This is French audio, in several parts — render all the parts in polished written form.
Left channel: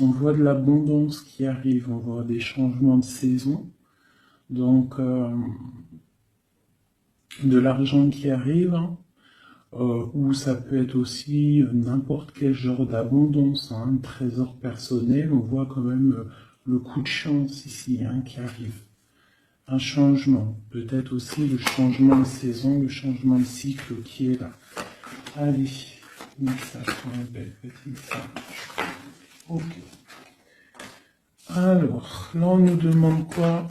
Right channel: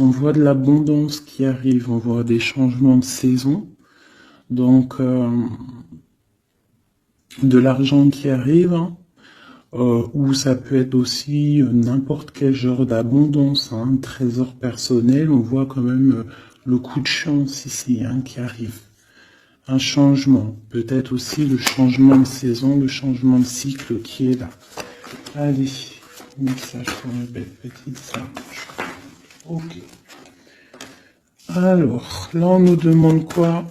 On voit de l'abondance qui arrive, on voit des changements de saison, donc de l'argent qui arrive, hein, ou ça peut être aussi n'importe quel genre d'abondance, hein, trésor personnel, on voit quand même le coup de chance ici hein, qui arrive. Un changement, peut-être aussi le changement de saison, le changement de cycle qui est là. Allez, message pour une belle petite sage. Ok. Alors, là on nous demande quoi?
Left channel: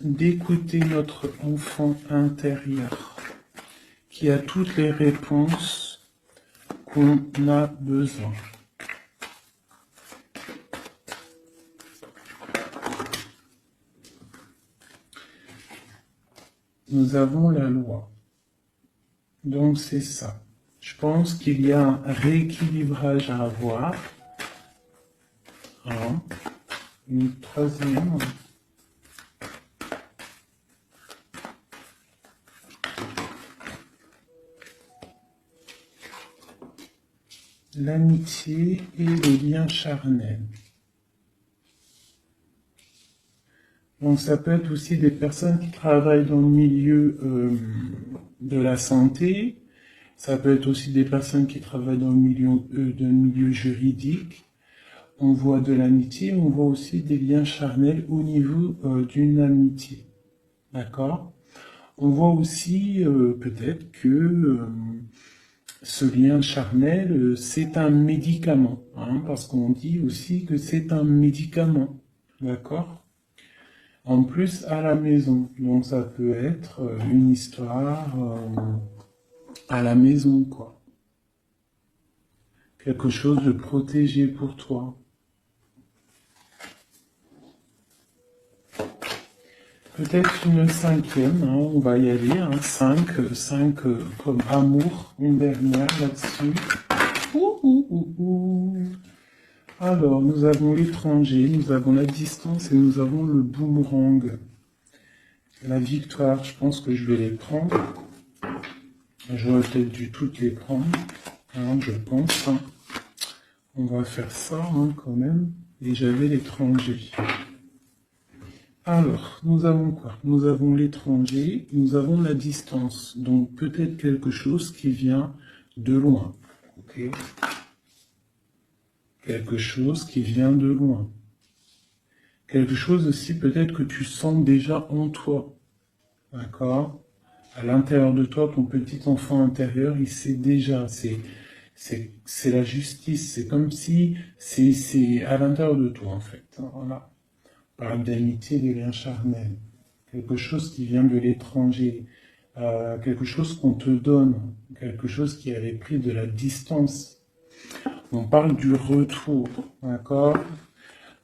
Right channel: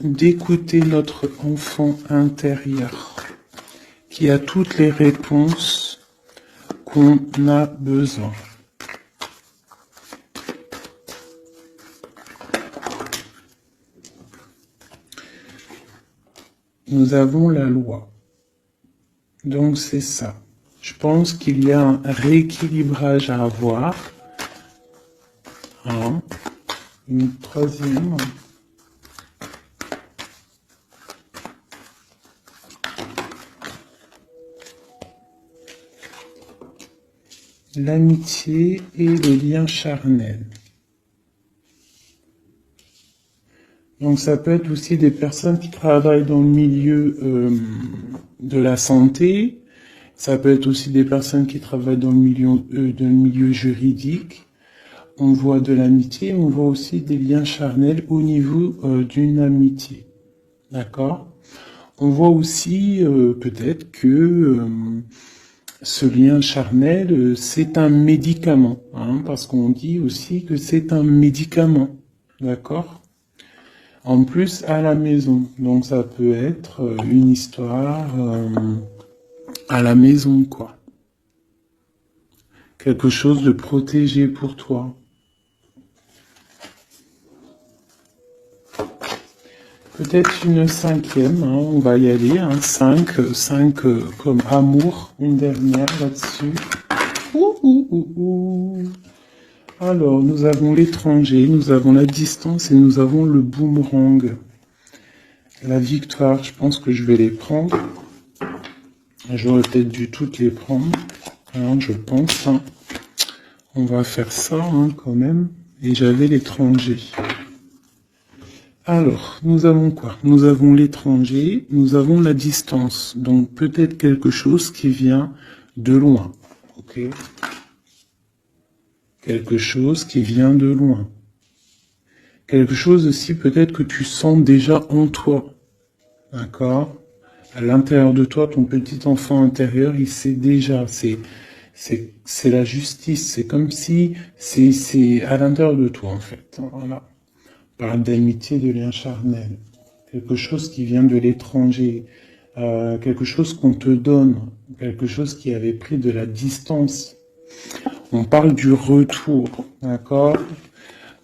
D'écouter notre enfant intérieur qui a toutes les réponses qu'on a besoin. Nous avons la loi. Donc c'est ça. Je pense qu'il y a un rééquilibrage à avoir. Hein. Une troisième. L'amitié et le lien charnel. Donc ça peut être aussi des personnes qui travaillent dans le milieu de la santé. Ça peut être aussi des personnes qui travaillent dans le milieu juridique. On voit de l'amitié, on voit aussi des liens charnels au niveau d'une amitié. D'accord? On voit aussi peut-être que ce lien charnel, c'est un médicament, hein, parce qu'on dit aussi que c'est un médicament. D'accord? En plus, à la maison. Donc ça peut être une histoire à la maison, quoi. Quelque chose de protégé pour toi. Peut-être une cinquième, hein, on va y aller, hein, 5 comme amour, une dernière là-dessus. Ouh, ouh, ouh, ouh. Alors, nous avons l'étranger, nous avons la distance et nous avons le boomerang. La victoire, je pense que je vais les prendre. J'aurais peut-être dû toutes les prendre, hein, je pense. Hein. On va faire ça hein, quand même. Et j'avais l'étranger. Alors, nous avons quoi? Nous avons l'étranger, nous avons la distance. Donc peut-être quelque chose qui vient de loin. Ok? Quelque chose qui vient de loin. Quelque chose aussi peut-être que tu sens déjà en toi. D'accord? À l'intérieur de toi, ton petit enfant intérieur, il sait déjà. C'est la justice. C'est comme si c'est à l'intérieur de toi, en fait. Voilà. On parle d'amitié, de lien charnel. Quelque chose qui vient de l'étranger. Quelque chose qu'on te donne. Quelque chose qui avait pris de la distance. On parle du retour. D'accord?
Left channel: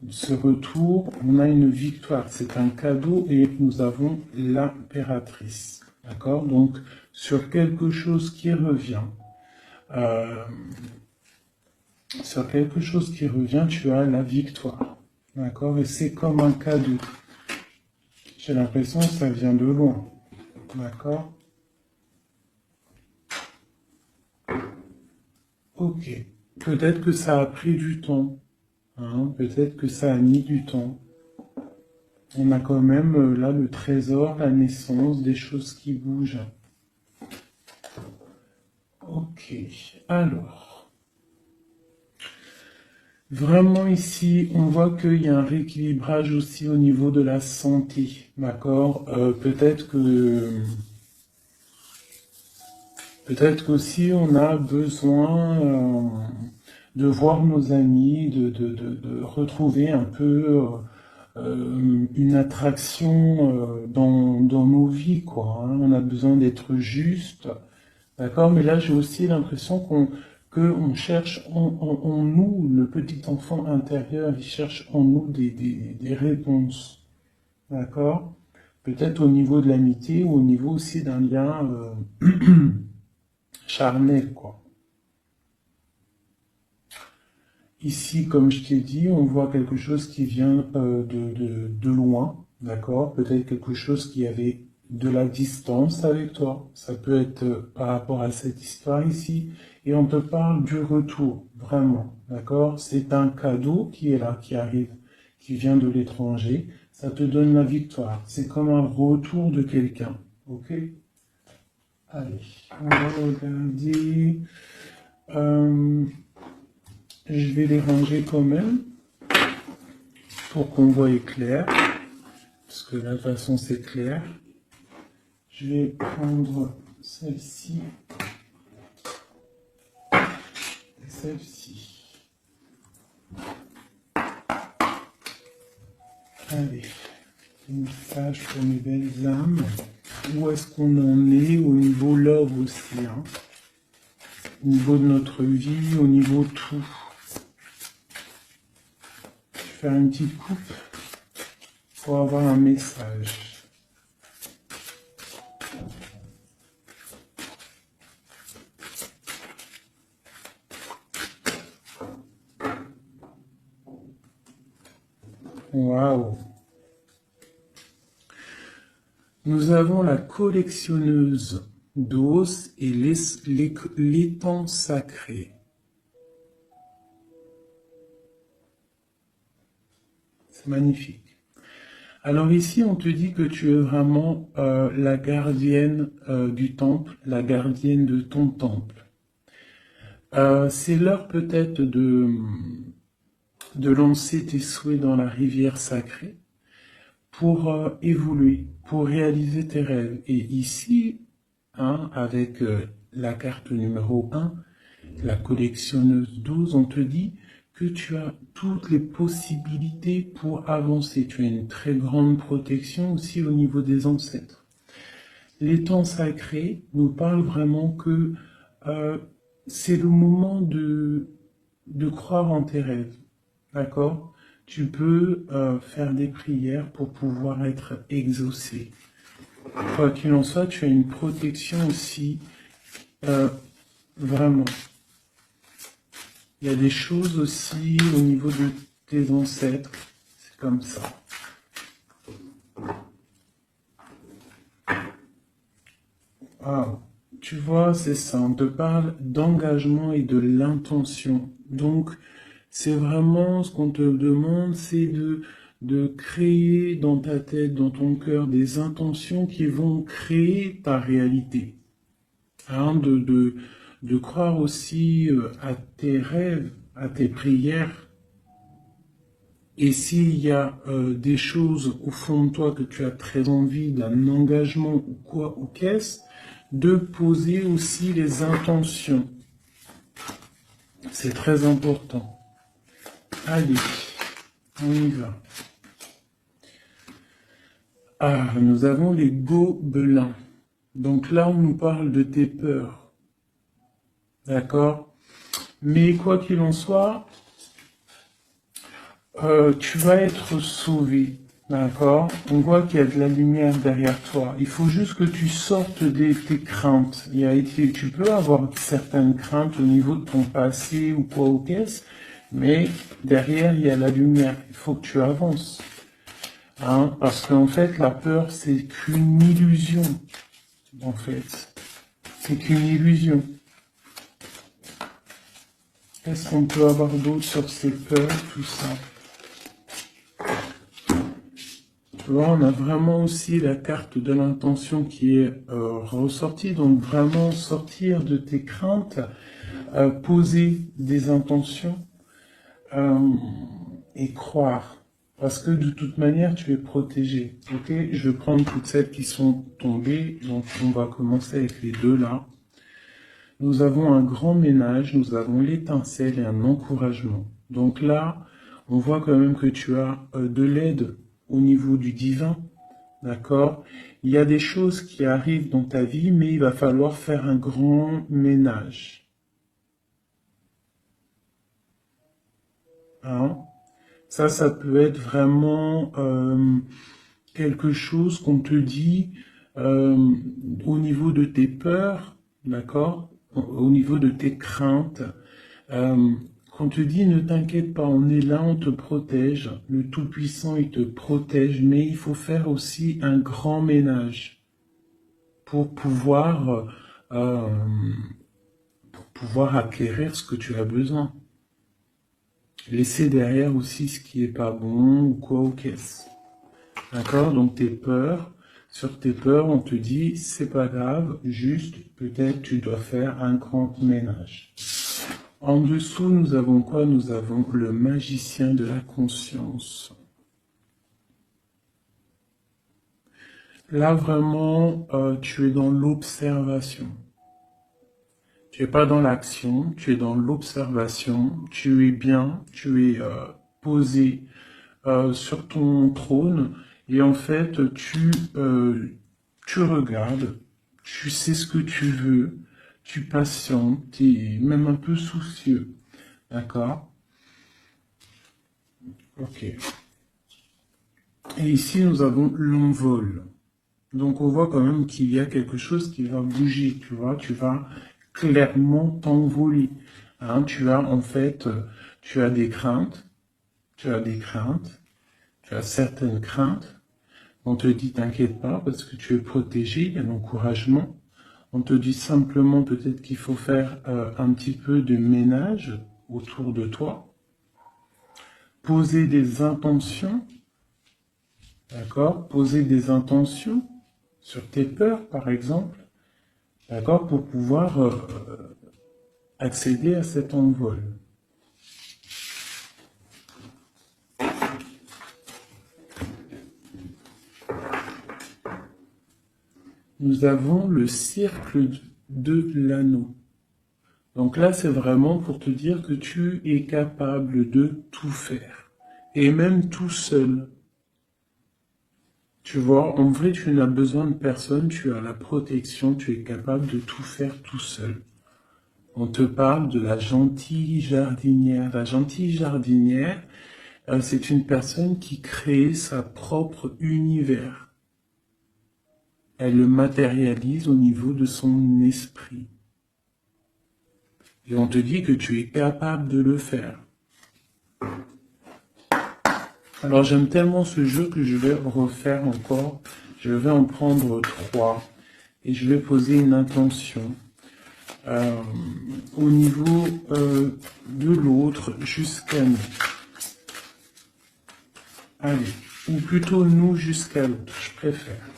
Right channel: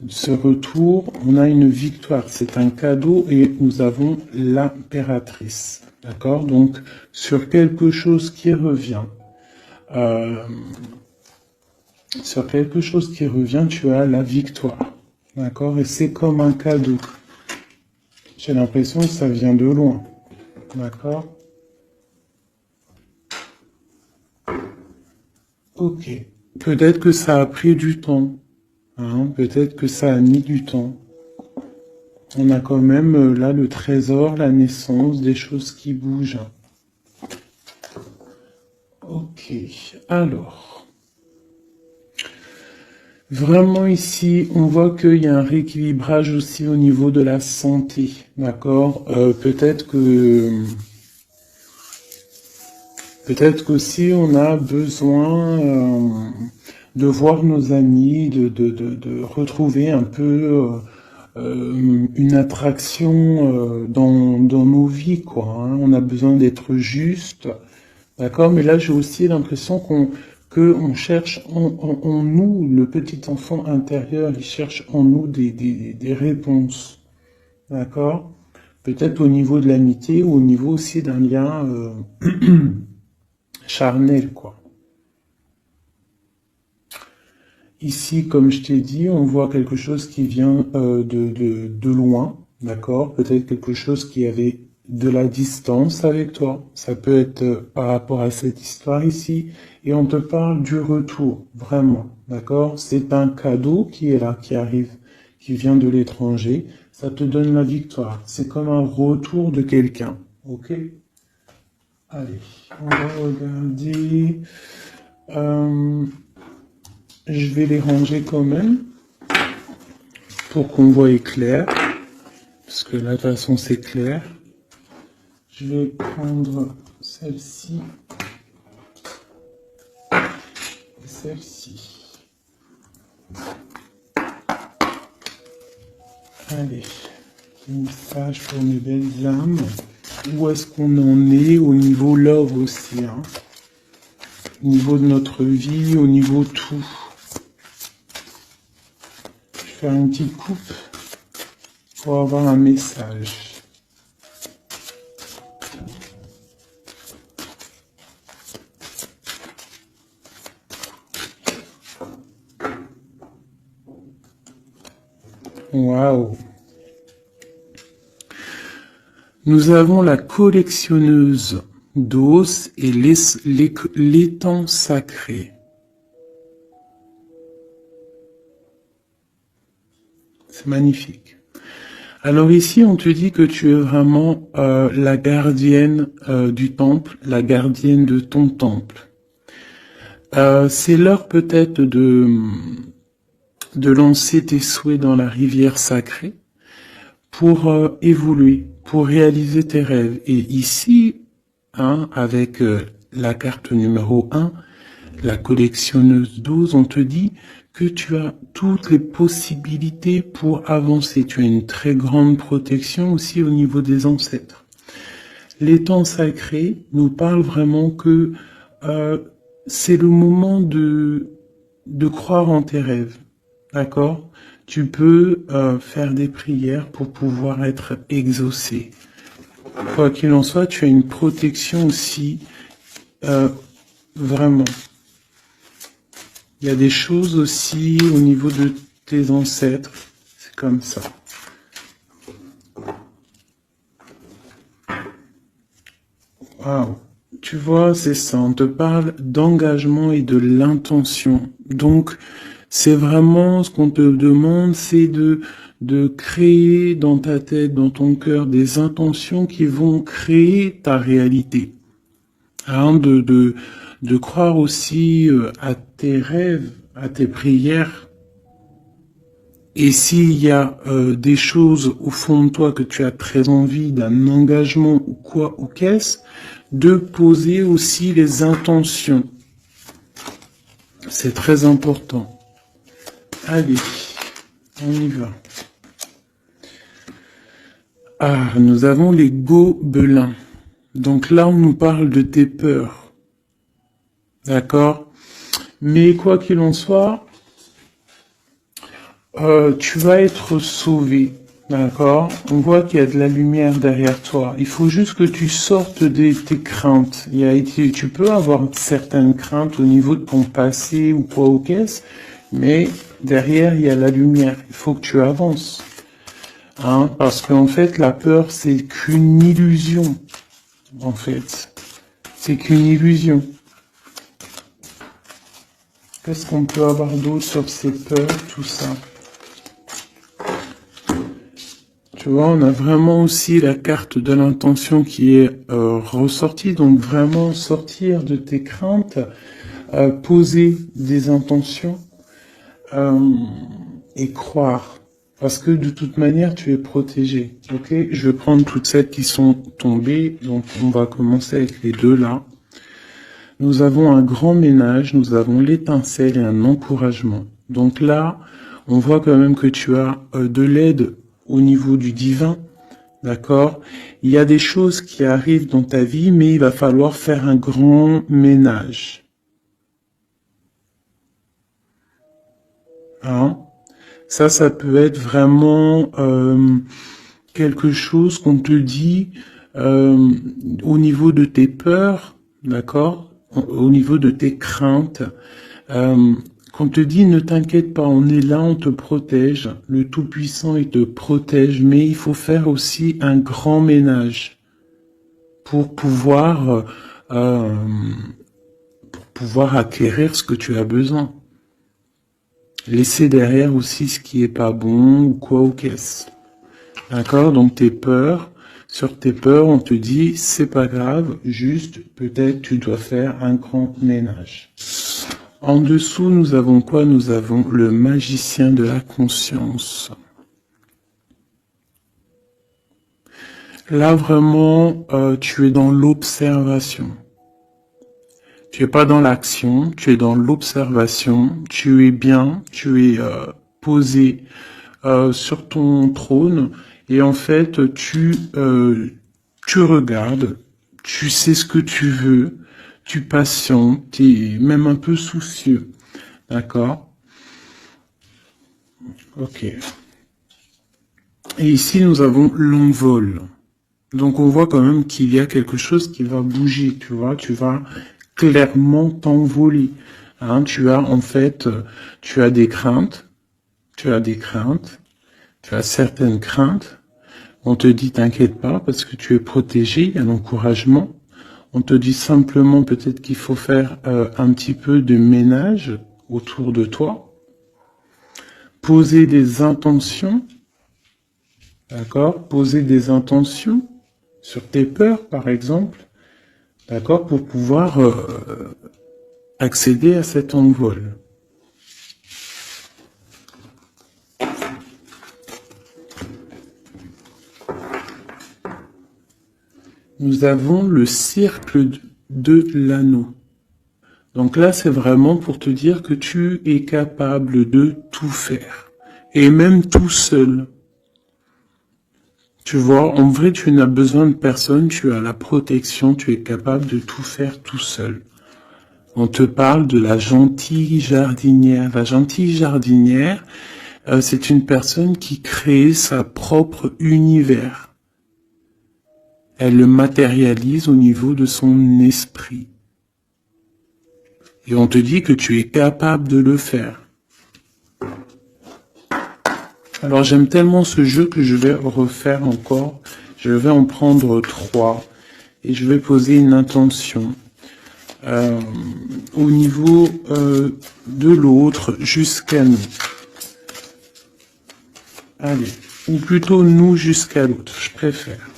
Ce retour, on a une victoire. C'est un cadeau et nous avons l'impératrice. D'accord? Donc, sur quelque chose qui revient. Euh, sur quelque chose qui revient, tu as la victoire. D'accord? Et c'est comme un cadeau. J'ai l'impression que ça vient de loin. D'accord? Ok. Peut-être que ça a pris du temps. Hein? Peut-être que ça a mis du temps. On a quand même là le trésor, la naissance, des choses qui bougent. Ok. Alors. Vraiment ici, on voit qu'il y a un rééquilibrage aussi au niveau de la santé, d'accord? Peut-être qu'aussi on a besoin de voir nos amis, de retrouver un peu une attraction dans nos vies, quoi. Hein. On a besoin d'être juste, d'accord? Mais là, j'ai aussi l'impression qu'on cherche en nous, le petit enfant intérieur, il cherche en nous des réponses, d'accord? Peut-être au niveau de l'amitié ou au niveau aussi d'un lien charnel, quoi. Ici, comme je t'ai dit, on voit quelque chose qui vient de loin, d'accord? Peut-être quelque chose qui avait de la distance avec toi. Ça peut être par rapport à cette histoire ici. Et on te parle du retour, vraiment. D'accord? C'est un cadeau qui est là, qui arrive, qui vient de l'étranger. Ça te donne la victoire. C'est comme un retour de quelqu'un. Ok? Allez, on va regarder. Je vais les ranger quand même pour qu'on voie clair. Parce que là, de toute façon, c'est clair. Je vais prendre celle-ci et celle-ci. Allez, un message pour mes belles âmes. Où est-ce qu'on en est au niveau love aussi, hein? Au niveau de notre vie, au niveau tout. Je vais faire une petite coupe pour avoir un message. Waouh! Nous avons la collectionneuse d'os et l'étang sacré. C'est magnifique. Alors ici, on te dit que tu es vraiment la gardienne du temple, la gardienne de ton temple. C'est l'heure peut-être de lancer tes souhaits dans la rivière sacrée pour évoluer, pour réaliser tes rêves. Et ici, hein, avec la carte numéro 1, la collectionneuse 12, on te dit que tu as toutes les possibilités pour avancer. Tu as une très grande protection aussi au niveau des ancêtres. L'étang sacré nous parle vraiment que c'est le moment de croire en tes rêves. D'accord? Tu peux faire des prières pour pouvoir être exaucé. Quoi qu'il en soit, tu as une protection aussi, vraiment. Il y a des choses aussi au niveau de tes ancêtres. C'est comme ça. Waouh. Tu vois, c'est ça. On te parle d'engagement et de l'intention. Donc, c'est vraiment ce qu'on te demande, c'est de créer dans ta tête, dans ton cœur, des intentions qui vont créer ta réalité. Hein, de croire aussi à tes rêves, à tes prières. Et s'il y a des choses au fond de toi que tu as très envie, d'un engagement ou quoi ou qu'est-ce, de poser aussi les intentions. C'est très important. Allez, on y va. Ah, nous avons les gobelins. Donc là, on nous parle de tes peurs. D'accord? Mais quoi qu'il en soit, tu vas être sauvé. D'accord? On voit qu'il y a de la lumière derrière toi. Il faut juste que tu sortes de tes craintes. Tu peux avoir certaines craintes au niveau de ton passé ou quoi ou qu'est-ce, mais derrière, il y a la lumière. Il faut que tu avances. Hein? Parce qu'en fait, la peur, c'est qu'une illusion. En fait, c'est qu'une illusion. Qu'est-ce qu'on peut avoir d'autre sur ces peurs, tout ça? Tu vois, on a vraiment aussi la carte de l'intention qui est ressortie. Donc vraiment sortir de tes craintes, poser des intentions et croire. Parce que de toute manière, tu es protégé. Ok, je vais prendre toutes celles qui sont tombées. Donc on va commencer avec les deux là. Nous avons un grand ménage, nous avons l'étincelle et un encouragement. Donc là, on voit quand même que tu as de l'aide au niveau du divin, d'accord? Il y a des choses qui arrivent dans ta vie, mais il va falloir faire un grand ménage. Hein? Ça peut être vraiment quelque chose qu'on te dit au niveau de tes peurs, d'accord? Au niveau de tes craintes. Qu'on te dit, ne t'inquiète pas, on est là, on te protège. Le Tout-Puissant, il te protège, mais il faut faire aussi un grand ménage. pour pouvoir, euh, pour pouvoir acquérir ce que tu as besoin. Laisser derrière aussi ce qui est pas bon ou quoi ou qu'est-ce. D'accord? Donc tes peurs, sur tes peurs, on te dit c'est pas grave, juste peut-être tu dois faire un grand ménage. En dessous, nous avons quoi? Nous avons le magicien de la conscience. Là, vraiment, tu es dans l'observation. Tu es pas dans l'action, tu es dans l'observation. Tu es bien, tu es posé sur ton trône. Et en fait, tu regardes, tu sais ce que tu veux, tu patientes, tu es même un peu soucieux. D'accord? Ok. Et ici, nous avons l'envol. Donc, on voit quand même qu'il y a quelque chose qui va bouger, tu vois. Tu vas clairement t'envoler. Hein, tu as, en fait, tu as des craintes. Tu as des craintes. Tu as certaines craintes. On te dit, t'inquiète pas, parce que tu es protégé, il y a l'encouragement. On te dit simplement peut-être qu'il faut faire un petit peu de ménage autour de toi. Poser des intentions. D'accord? Poser des intentions sur tes peurs, par exemple. D'accord? Pour pouvoir accéder à cet envol. Nous avons le cercle de l'anneau. Donc là, c'est vraiment pour te dire que tu es capable de tout faire. Et même tout seul. Tu vois, en vrai, tu n'as besoin de personne, tu as la protection, tu es capable de tout faire tout seul. On te parle de la gentille jardinière. La gentille jardinière, c'est une personne qui crée sa propre univers. Elle le matérialise au niveau de son esprit. Et on te dit que tu es capable de le faire. Alors j'aime tellement ce jeu que je vais refaire encore. Je vais en prendre 3 et je vais poser une intention au niveau de l'autre jusqu'à nous. Allez, ou plutôt nous jusqu'à l'autre, je préfère.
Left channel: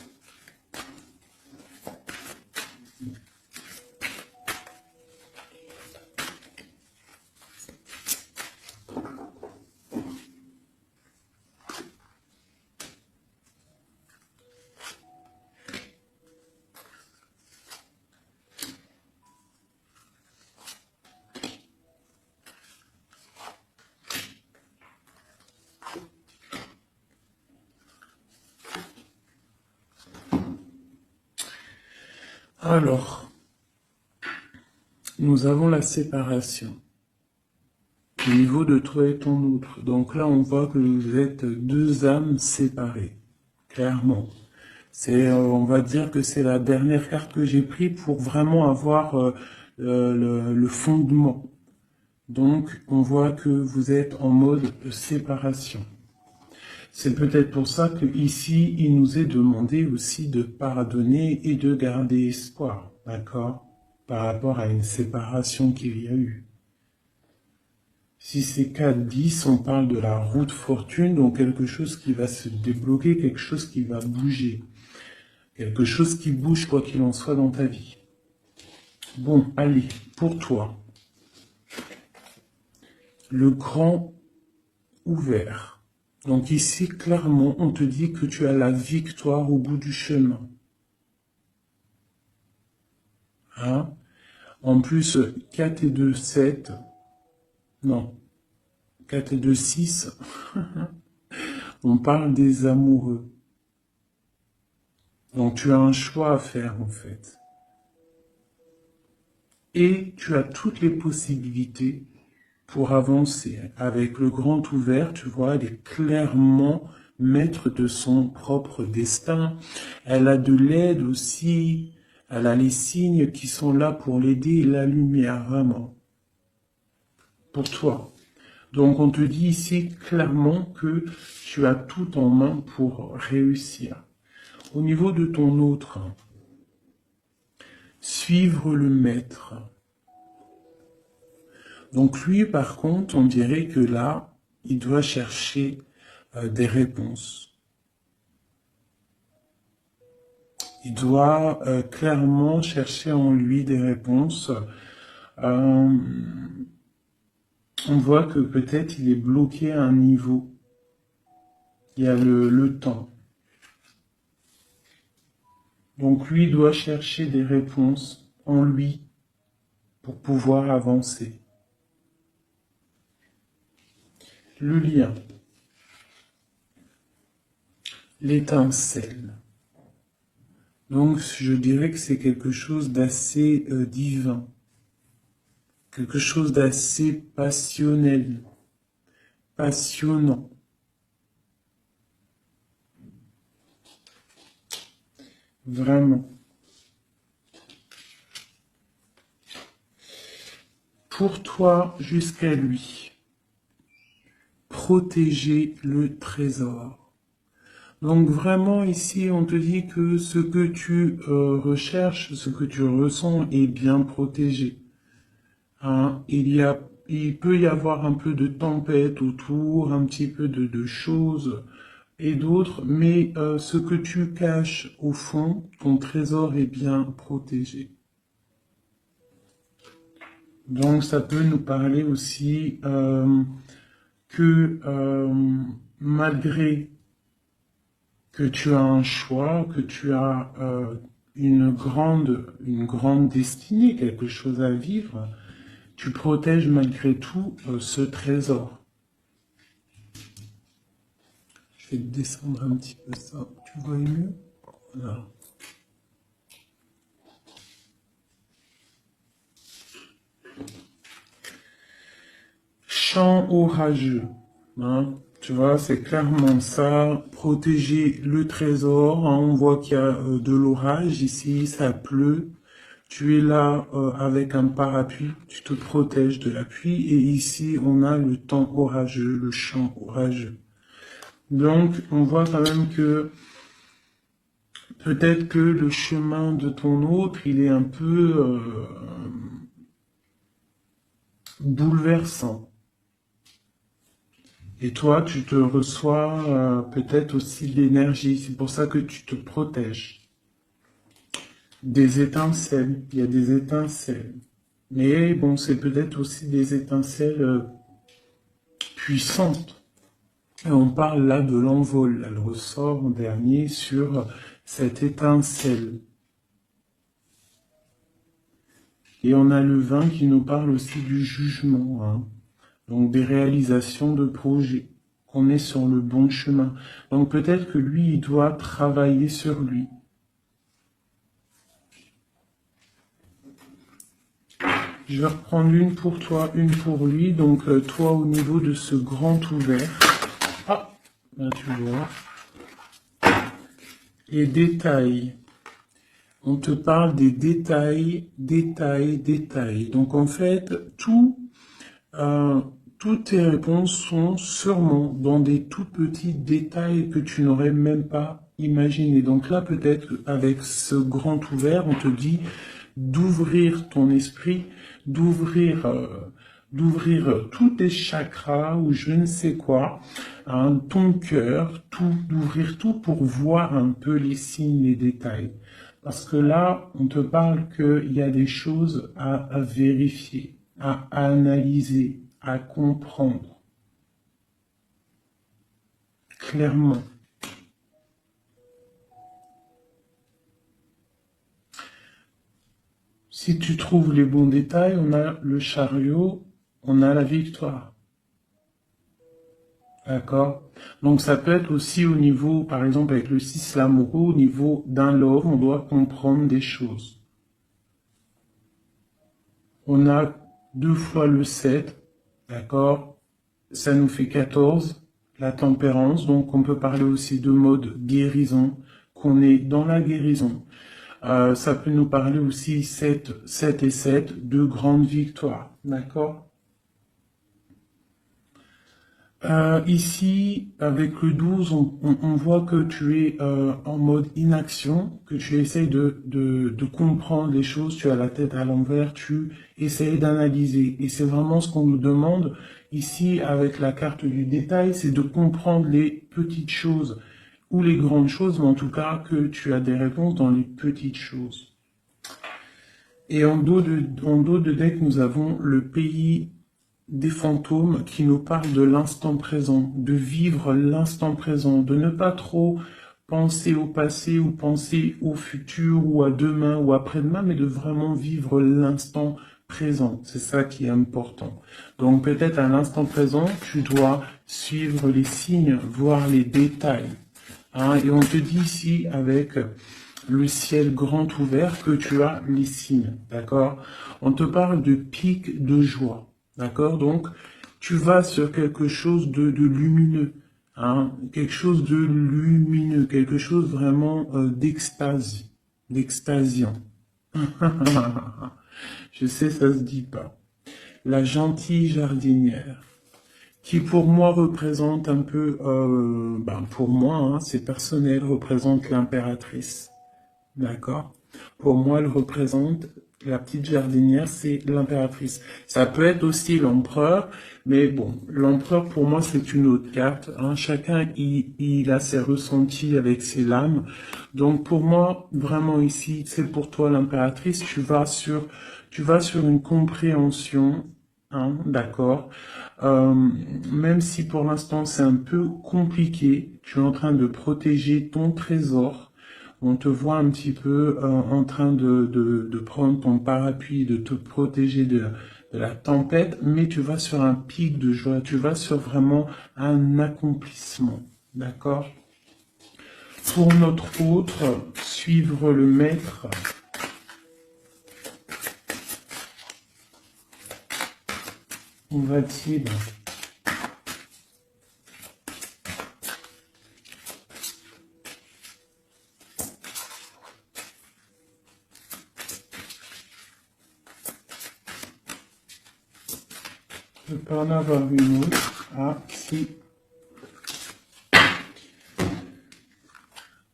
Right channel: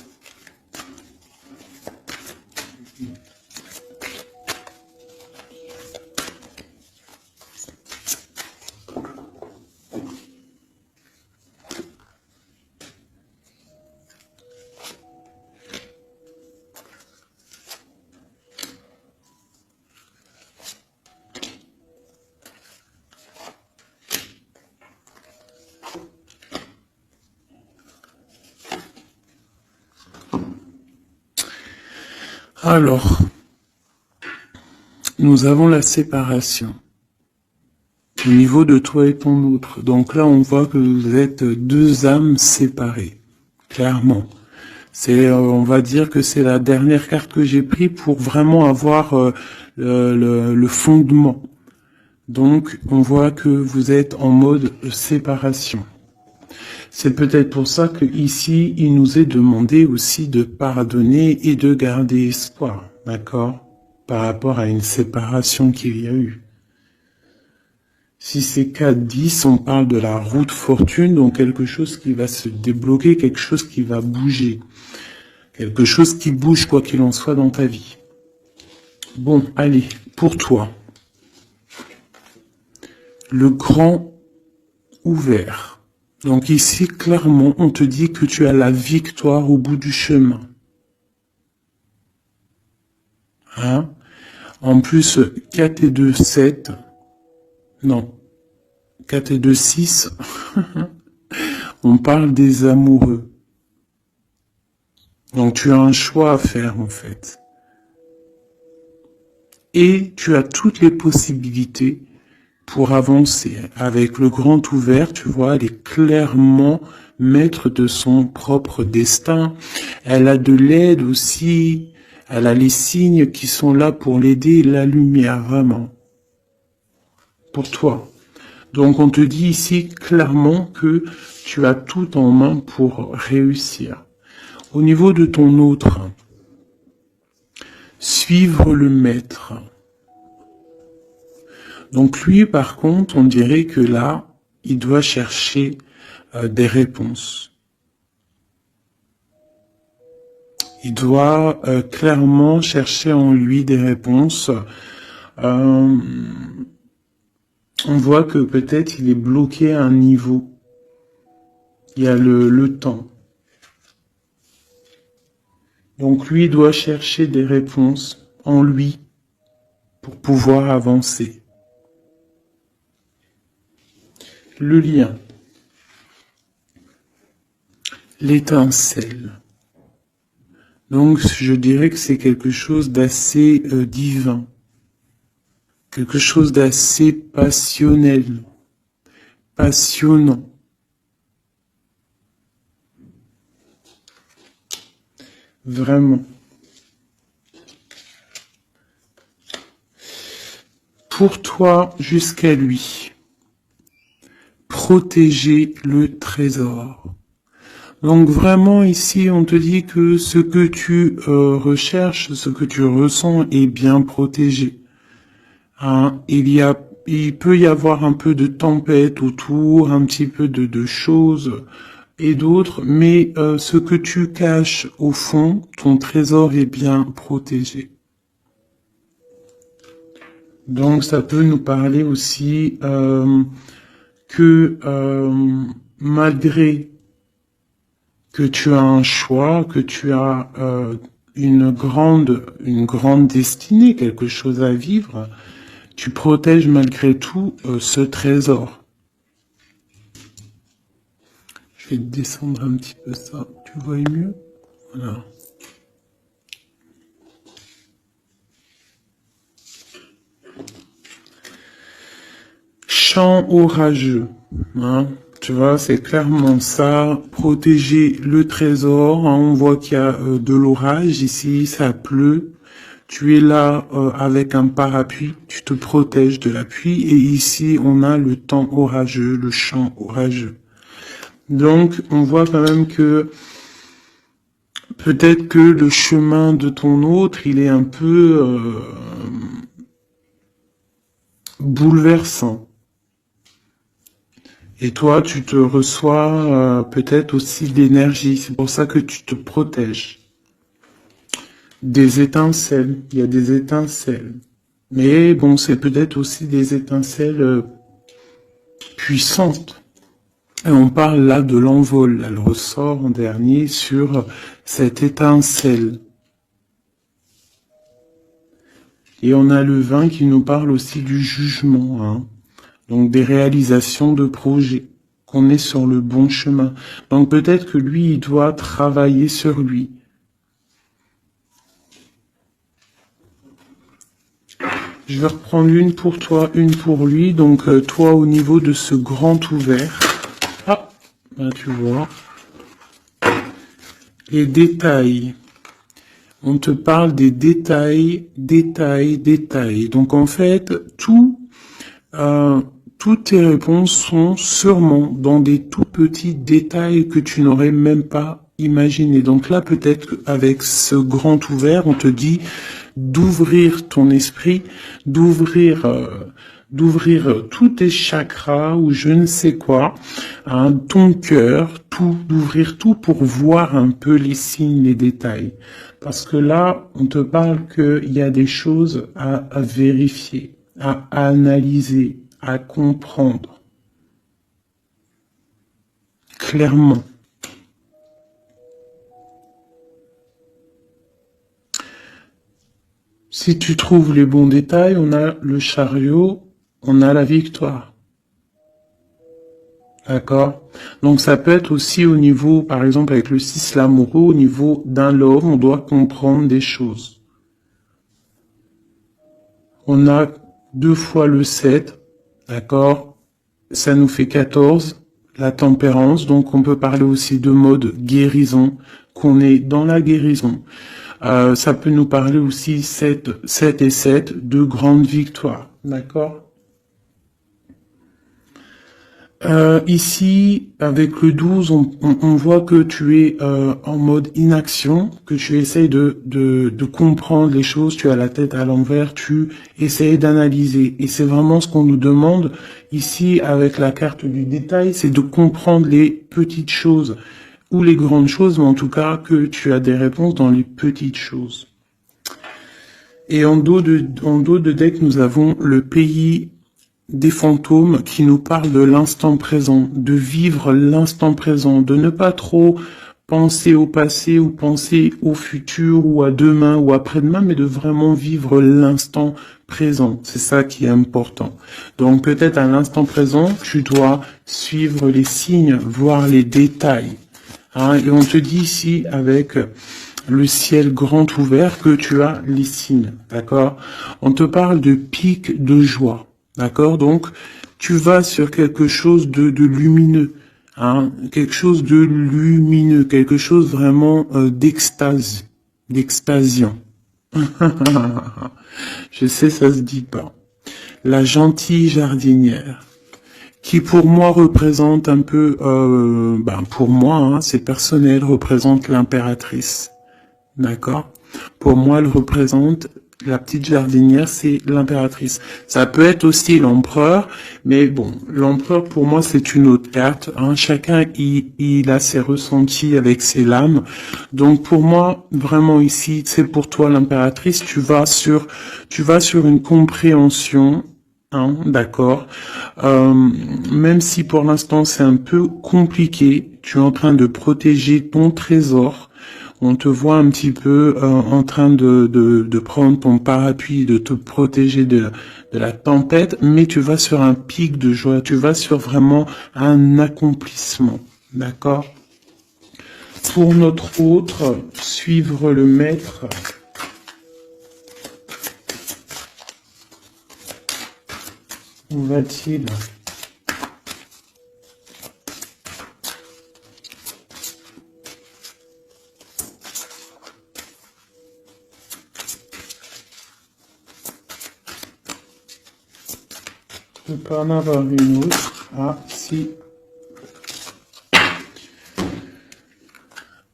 Alors, nous avons la séparation au niveau de toi et ton autre. Donc là, on voit que vous êtes deux âmes séparées, clairement. C'est, on va dire que c'est la dernière carte que j'ai prise pour vraiment avoir le fondement. Donc, on voit que vous êtes en mode séparation. C'est peut-être pour ça que ici, il nous est demandé aussi de pardonner et de garder espoir, d'accord, par rapport à une séparation qu'il y a eu. Si c'est 4-10, on parle de la route fortune, donc quelque chose qui va se débloquer, quelque chose qui va bouger. Quelque chose qui bouge quoi qu'il en soit dans ta vie. Bon, allez, pour toi. Le grand ouvert. Donc ici, clairement, on te dit que tu as la victoire au bout du chemin. Hein? En plus, 4 et 2, 7. Non. 4 et 2, 6. On parle des amoureux. Donc tu as un choix à faire en fait. Et tu as toutes les possibilités pour avancer. Avec le grand ouvert, tu vois, elle est clairement maître de son propre destin. Elle a de l'aide aussi. Elle a les signes qui sont là pour l'aider, la lumière, vraiment. Pour toi. Donc on te dit ici clairement que tu as tout en main pour réussir. Au niveau de ton autre, suivre le maître. Donc lui, par contre, on dirait que là, il doit chercher des réponses. Il doit clairement chercher en lui des réponses. On voit que peut-être il est bloqué à un niveau. Il y a le temps. Donc lui doit chercher des réponses en lui pour pouvoir avancer. Le lien. L'étincelle. Donc je dirais que c'est quelque chose d'assez divin. Quelque chose d'assez passionnel. Passionnant. Vraiment. Pour toi jusqu'à lui. Protéger le trésor. Donc vraiment ici on te dit que ce que tu recherches, ce que tu ressens est bien protégé. Hein, il peut y avoir un peu de tempête autour, un petit peu de choses et d'autres, mais ce que tu caches au fond, ton trésor est bien protégé. Donc ça peut nous parler aussi que malgré que tu as un choix, que tu as une grande destinée, quelque chose à vivre, tu protèges malgré tout ce trésor. Je vais descendre un petit peu ça, tu vois mieux? Voilà. Chant orageux, hein? Tu vois, c'est clairement ça, protéger le trésor, hein, on voit qu'il y a de l'orage ici, ça pleut, tu es là avec un parapluie, tu te protèges de la pluie, et ici on a le temps orageux, le chant orageux. Donc on voit quand même que peut-être que le chemin de ton autre, il est un peu bouleversant. Et toi, tu te reçois peut-être aussi de l'énergie. C'est pour ça que tu te protèges. Des étincelles. Il y a des étincelles. Mais bon, c'est peut-être aussi des étincelles puissantes. Et on parle là de l'envol. Elle ressort en dernier sur cette étincelle. Et on a le vin qui nous parle aussi du jugement. Hein. Donc des réalisations de projets, qu'on est sur le bon chemin. Donc peut-être que lui, il doit travailler sur lui. Je vais reprendre une pour toi, une pour lui. Donc toi, au niveau de ce grand ouvert. Ah, là, tu vois. Les détails. On te parle des détails, détails, détails. Donc en fait, toutes tes réponses sont sûrement dans des tout petits détails que tu n'aurais même pas imaginé. Donc là, peut-être qu'avec ce grand ouvert, on te dit d'ouvrir ton esprit, d'ouvrir tous tes chakras ou je ne sais quoi, hein, ton cœur, tout, d'ouvrir tout pour voir un peu les signes, les détails. Parce que là, on te parle qu'il y a des choses à vérifier, à analyser, à comprendre. Clairement. Si tu trouves les bons détails, on a le chariot, on a la victoire. D'accord? Donc ça peut être aussi au niveau, par exemple avec le 6 l'amoureux, au niveau d'un love, on doit comprendre des choses. On a 2 fois le 7, d'accord? Ça nous fait 14, la tempérance, donc on peut parler aussi de mode guérison, qu'on est dans la guérison. Ça peut nous parler aussi 7 et 7, de grandes victoires, d'accord? Ici, avec le 12, on voit que tu es en mode inaction, que tu essayes de comprendre les choses, tu as la tête à l'envers, tu essayes d'analyser. Et c'est vraiment ce qu'on nous demande ici avec la carte du détail, c'est de comprendre les petites choses ou les grandes choses, mais en tout cas que tu as des réponses dans les petites choses. Et en dos de deck, nous avons le pays des fantômes qui nous parlent de l'instant présent, de vivre l'instant présent, de ne pas trop penser au passé ou penser au futur ou à demain ou après-demain, mais de vraiment vivre l'instant présent. C'est ça qui est important. Donc peut-être à l'instant présent, tu dois suivre les signes, voir les détails. Hein, et on te dit ici avec le ciel grand ouvert que tu as les signes, d'accord? On te parle de pic de joie. D'accord? Donc, tu vas sur quelque chose de lumineux, hein? Quelque chose de lumineux, quelque chose vraiment d'extase, d'extasiant. Je sais, ça se dit pas. La gentille jardinière, qui pour moi représente un peu, pour moi, hein, c'est personnel, représente l'impératrice. D'accord? Pour moi, elle représente la petite jardinière, c'est l'impératrice. Ça peut être aussi l'empereur, mais bon, l'empereur pour moi c'est une autre carte. Hein. Chacun il a ses ressentis avec ses lames. Donc pour moi, vraiment ici, c'est pour toi l'impératrice. Tu vas sur une compréhension. Hein, d'accord. Même si pour l'instant c'est un peu compliqué, tu es en train de protéger ton trésor. On te voit un petit peu en train de prendre ton parapluie, de te protéger de la tempête, mais tu vas sur un pic de joie, tu vas sur vraiment un accomplissement, d'accord? Pour notre autre, suivre le maître. Où va-t-il? Je peux en avoir une autre. Ah, si.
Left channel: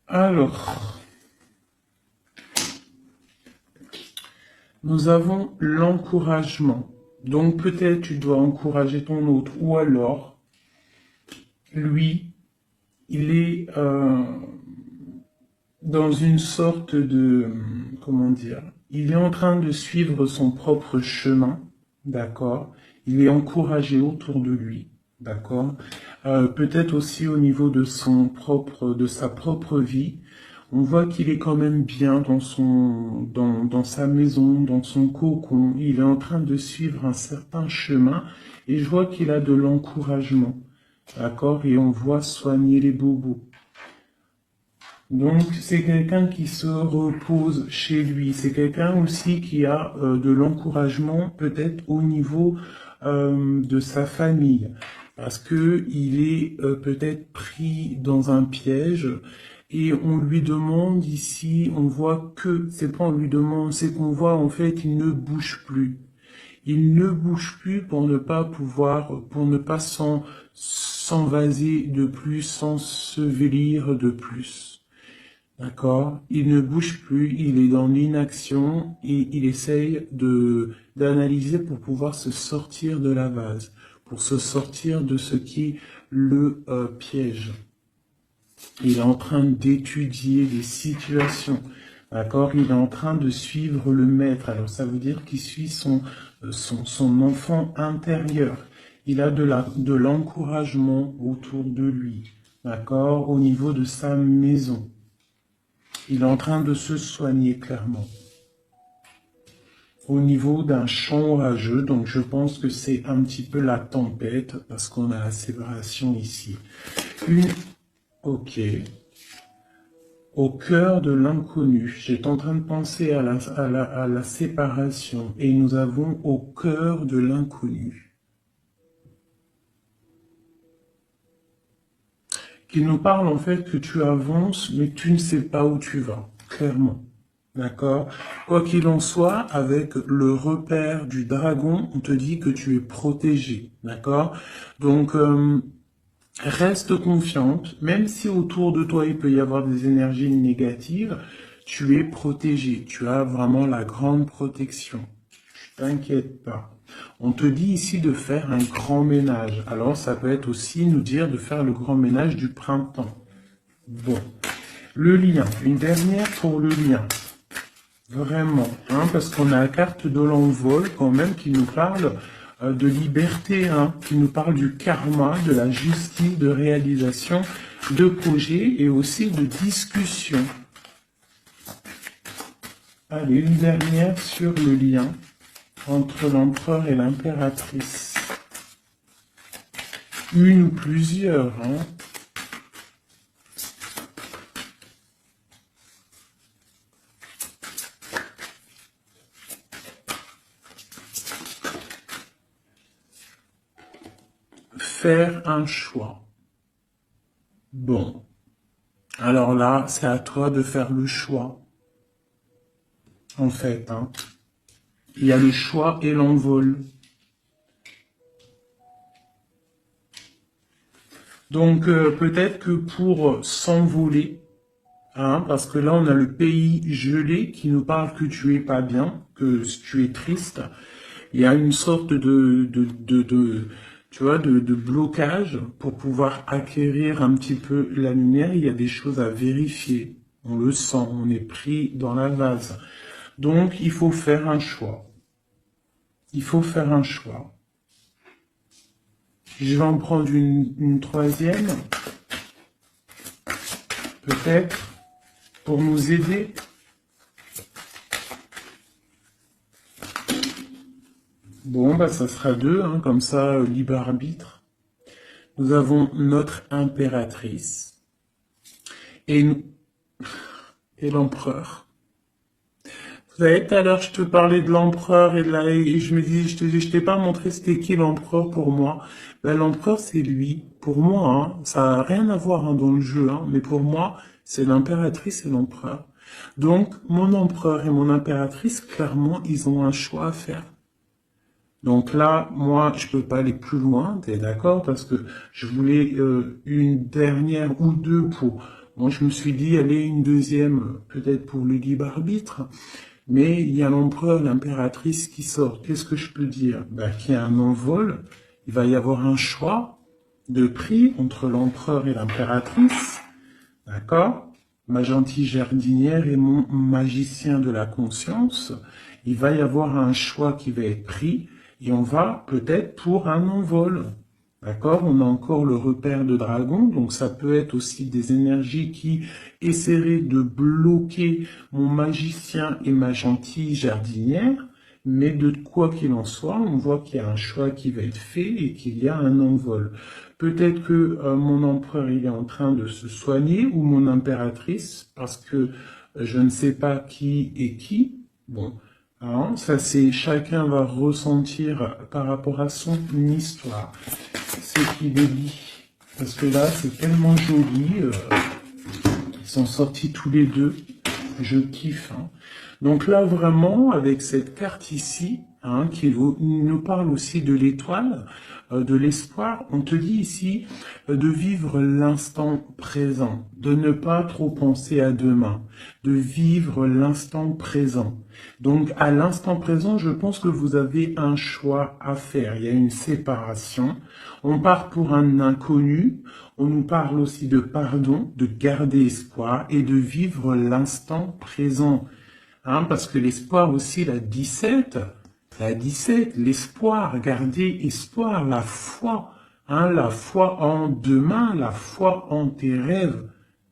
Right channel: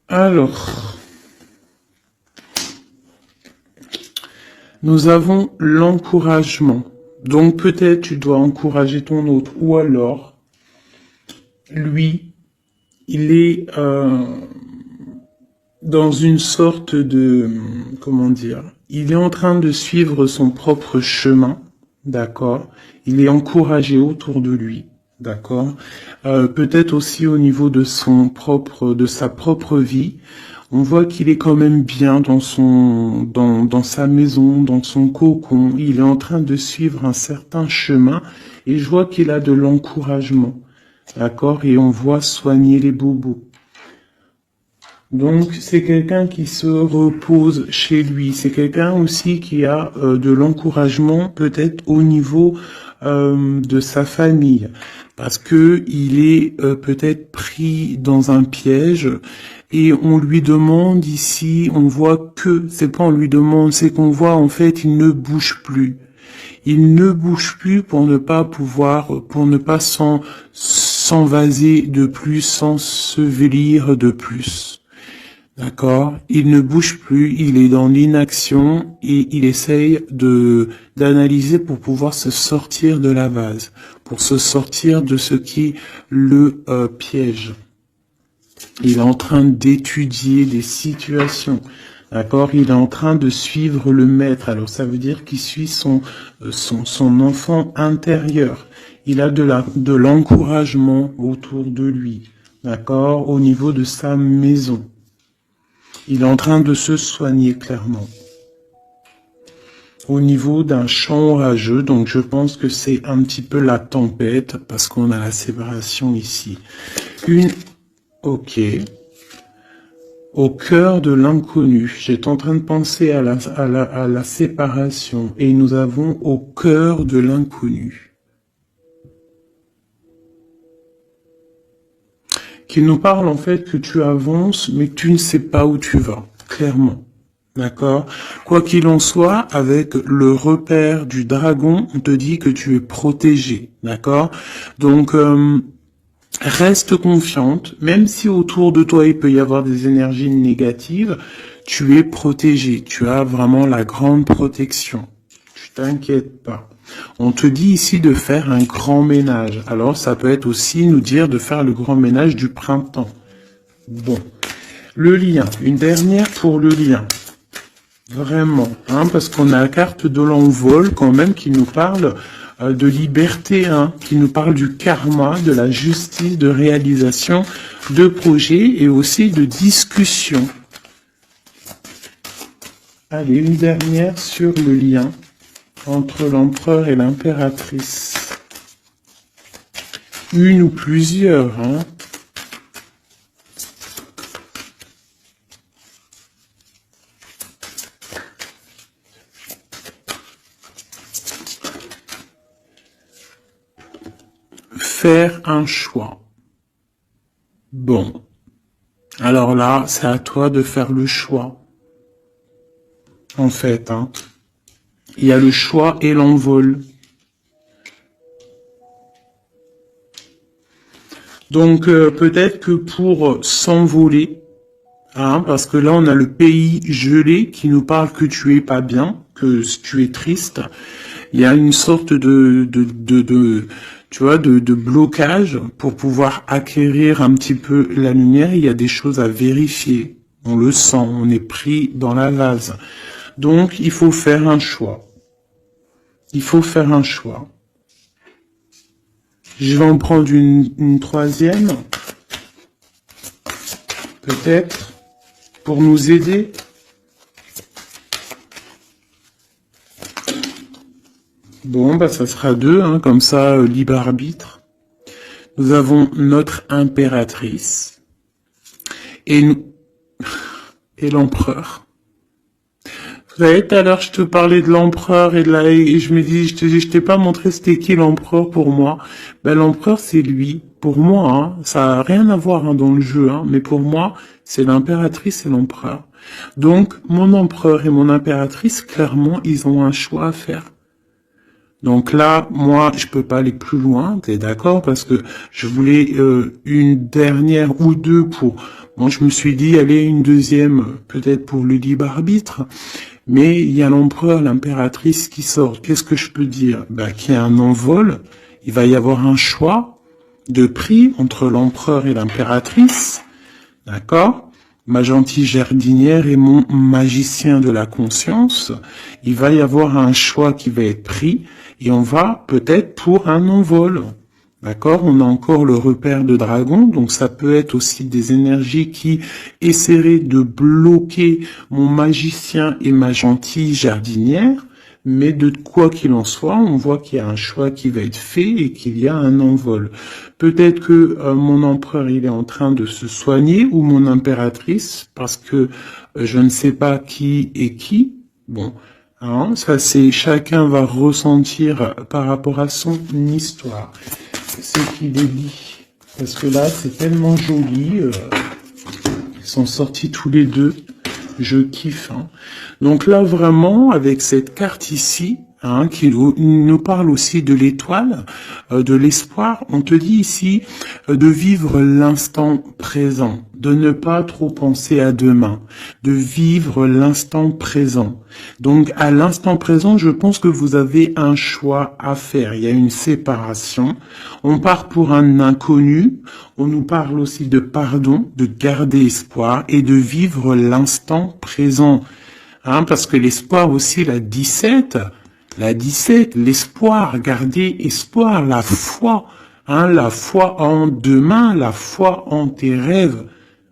Alors, nous avons l'encouragement. Donc peut-être tu dois encourager ton autre. Ou alors, lui, il est dans une sorte de... Comment dire? Il est en train de suivre son propre chemin. D'accord? Il est encouragé autour de lui. D'accord? Peut-être aussi au niveau de de sa propre vie. On voit qu'il est quand même bien dans sa maison, dans son cocon. Il est en train de suivre un certain chemin et je vois qu'il a de l'encouragement. D'accord? Et on voit soigner les bobos. Donc, c'est quelqu'un qui se repose chez lui. C'est quelqu'un aussi qui a de l'encouragement, peut-être au niveau de sa famille, parce que il est peut-être pris dans un piège et on lui demande ici, on voit que, c'est pas on lui demande, c'est qu'on voit en fait, il ne bouge plus. Il ne bouge plus pour ne pas pouvoir, pour ne pas s'envaser de plus, s'ensevelir de plus. D'accord? Il ne bouge plus, il est dans l'inaction et il essaye d'analyser pour pouvoir se sortir de la base, pour se sortir de ce qui le piège. Il est en train d'étudier des situations. D'accord? Il est en train de suivre le maître. Alors ça veut dire qu'il suit son enfant intérieur. Il a de l'encouragement autour de lui. D'accord? Au niveau de sa maison. Il est en train de se soigner clairement. Au niveau d'un champ orageux, donc je pense que c'est un petit peu la tempête, parce qu'on a la séparation ici. Ok. Au cœur de l'inconnu. J'étais en train de penser à la séparation, et nous avons au cœur de l'inconnu. Qui nous parle en fait que tu avances, mais tu ne sais pas où tu vas, clairement. D'accord? Quoi qu'il en soit, avec le repère du dragon, on te dit que tu es protégé. D'accord? Donc, Reste confiante, même si autour de toi il peut y avoir des énergies négatives, tu es protégé, tu as vraiment la grande protection. Tu t'inquiètes pas. On te dit ici de faire un grand ménage. Alors ça peut être aussi nous dire de faire le grand ménage du printemps. Bon, le lien, une dernière pour le lien. Vraiment, hein, parce qu'on a la carte de l'envol quand même qui nous parle de liberté, hein, qui nous parle du karma, de la justice, de réalisation, de projets et aussi de discussion. Allez, une dernière sur le lien entre l'empereur et l'impératrice. Une ou plusieurs, hein. Faire un choix. Bon. Alors là, c'est à toi de faire le choix. En fait, hein. Il y a le choix et l'envol. Donc, peut-être que pour s'envoler, hein, parce que là, on a le pays gelé qui nous parle que tu es pas bien, que tu es triste. Il y a une sorte tu vois, de blocage pour pouvoir acquérir un petit peu la lumière. Il y a des choses à vérifier. On le sent, on est pris dans la vase. Donc, il faut faire un choix. Il faut faire un choix. Je vais en prendre une troisième, peut-être, pour nous aider. Bon, bah ça sera deux, hein, comme ça, libre arbitre. Nous avons notre impératrice et, et l'empereur. Vous savez, tout à l'heure, je te parlais de l'empereur et je me dis, je t'ai pas montré c'était qui l'empereur pour moi. Ben, l'empereur, c'est lui. Pour moi, hein, ça n'a rien à voir hein, dans le jeu, hein, mais pour moi, c'est l'impératrice et l'empereur. Donc, mon empereur et mon impératrice, clairement, ils ont un choix à faire. Donc là, moi, je peux pas aller plus loin, t'es d'accord? Parce que je voulais une dernière ou deux pour... Bon, je me suis dit, allez, une deuxième, peut-être pour le libre arbitre. Mais il y a l'empereur, l'impératrice qui sort. Qu'est-ce que je peux dire? Ben, qu'il y a un envol, il va y avoir un choix de prix entre l'empereur et l'impératrice. D'accord? Ma gentille jardinière et mon magicien de la conscience. Il va y avoir un choix qui va être pris et on va peut-être pour un envol. D'accord? On a encore le repère de dragon, donc ça peut être aussi des énergies qui essaieraient de bloquer mon magicien et ma gentille jardinière, mais de quoi qu'il en soit, on voit qu'il y a un choix qui va être fait et qu'il y a un envol. Peut-être que mon empereur il est en train de se soigner ou mon impératrice, parce que je ne sais pas qui est qui. Bon, hein, ça c'est chacun va ressentir par rapport à son histoire ce qu'il est dit. Parce que là, c'est tellement joli. Ils sont sortis tous les deux. Je kiffe. Hein. Donc là, vraiment, avec cette carte ici, hein, qui nous parle aussi de l'étoile, de l'espoir, on te dit ici de vivre l'instant présent, de ne pas trop penser à demain, de vivre l'instant présent. Donc à l'instant présent, je pense que vous avez un choix à faire. Il y a une séparation. On part pour un inconnu. On nous parle aussi de pardon, de garder espoir et de vivre l'instant présent. Hein, parce que l'espoir aussi, la 17, l'espoir, garder espoir, la foi, hein, la foi en demain, la foi en tes rêves.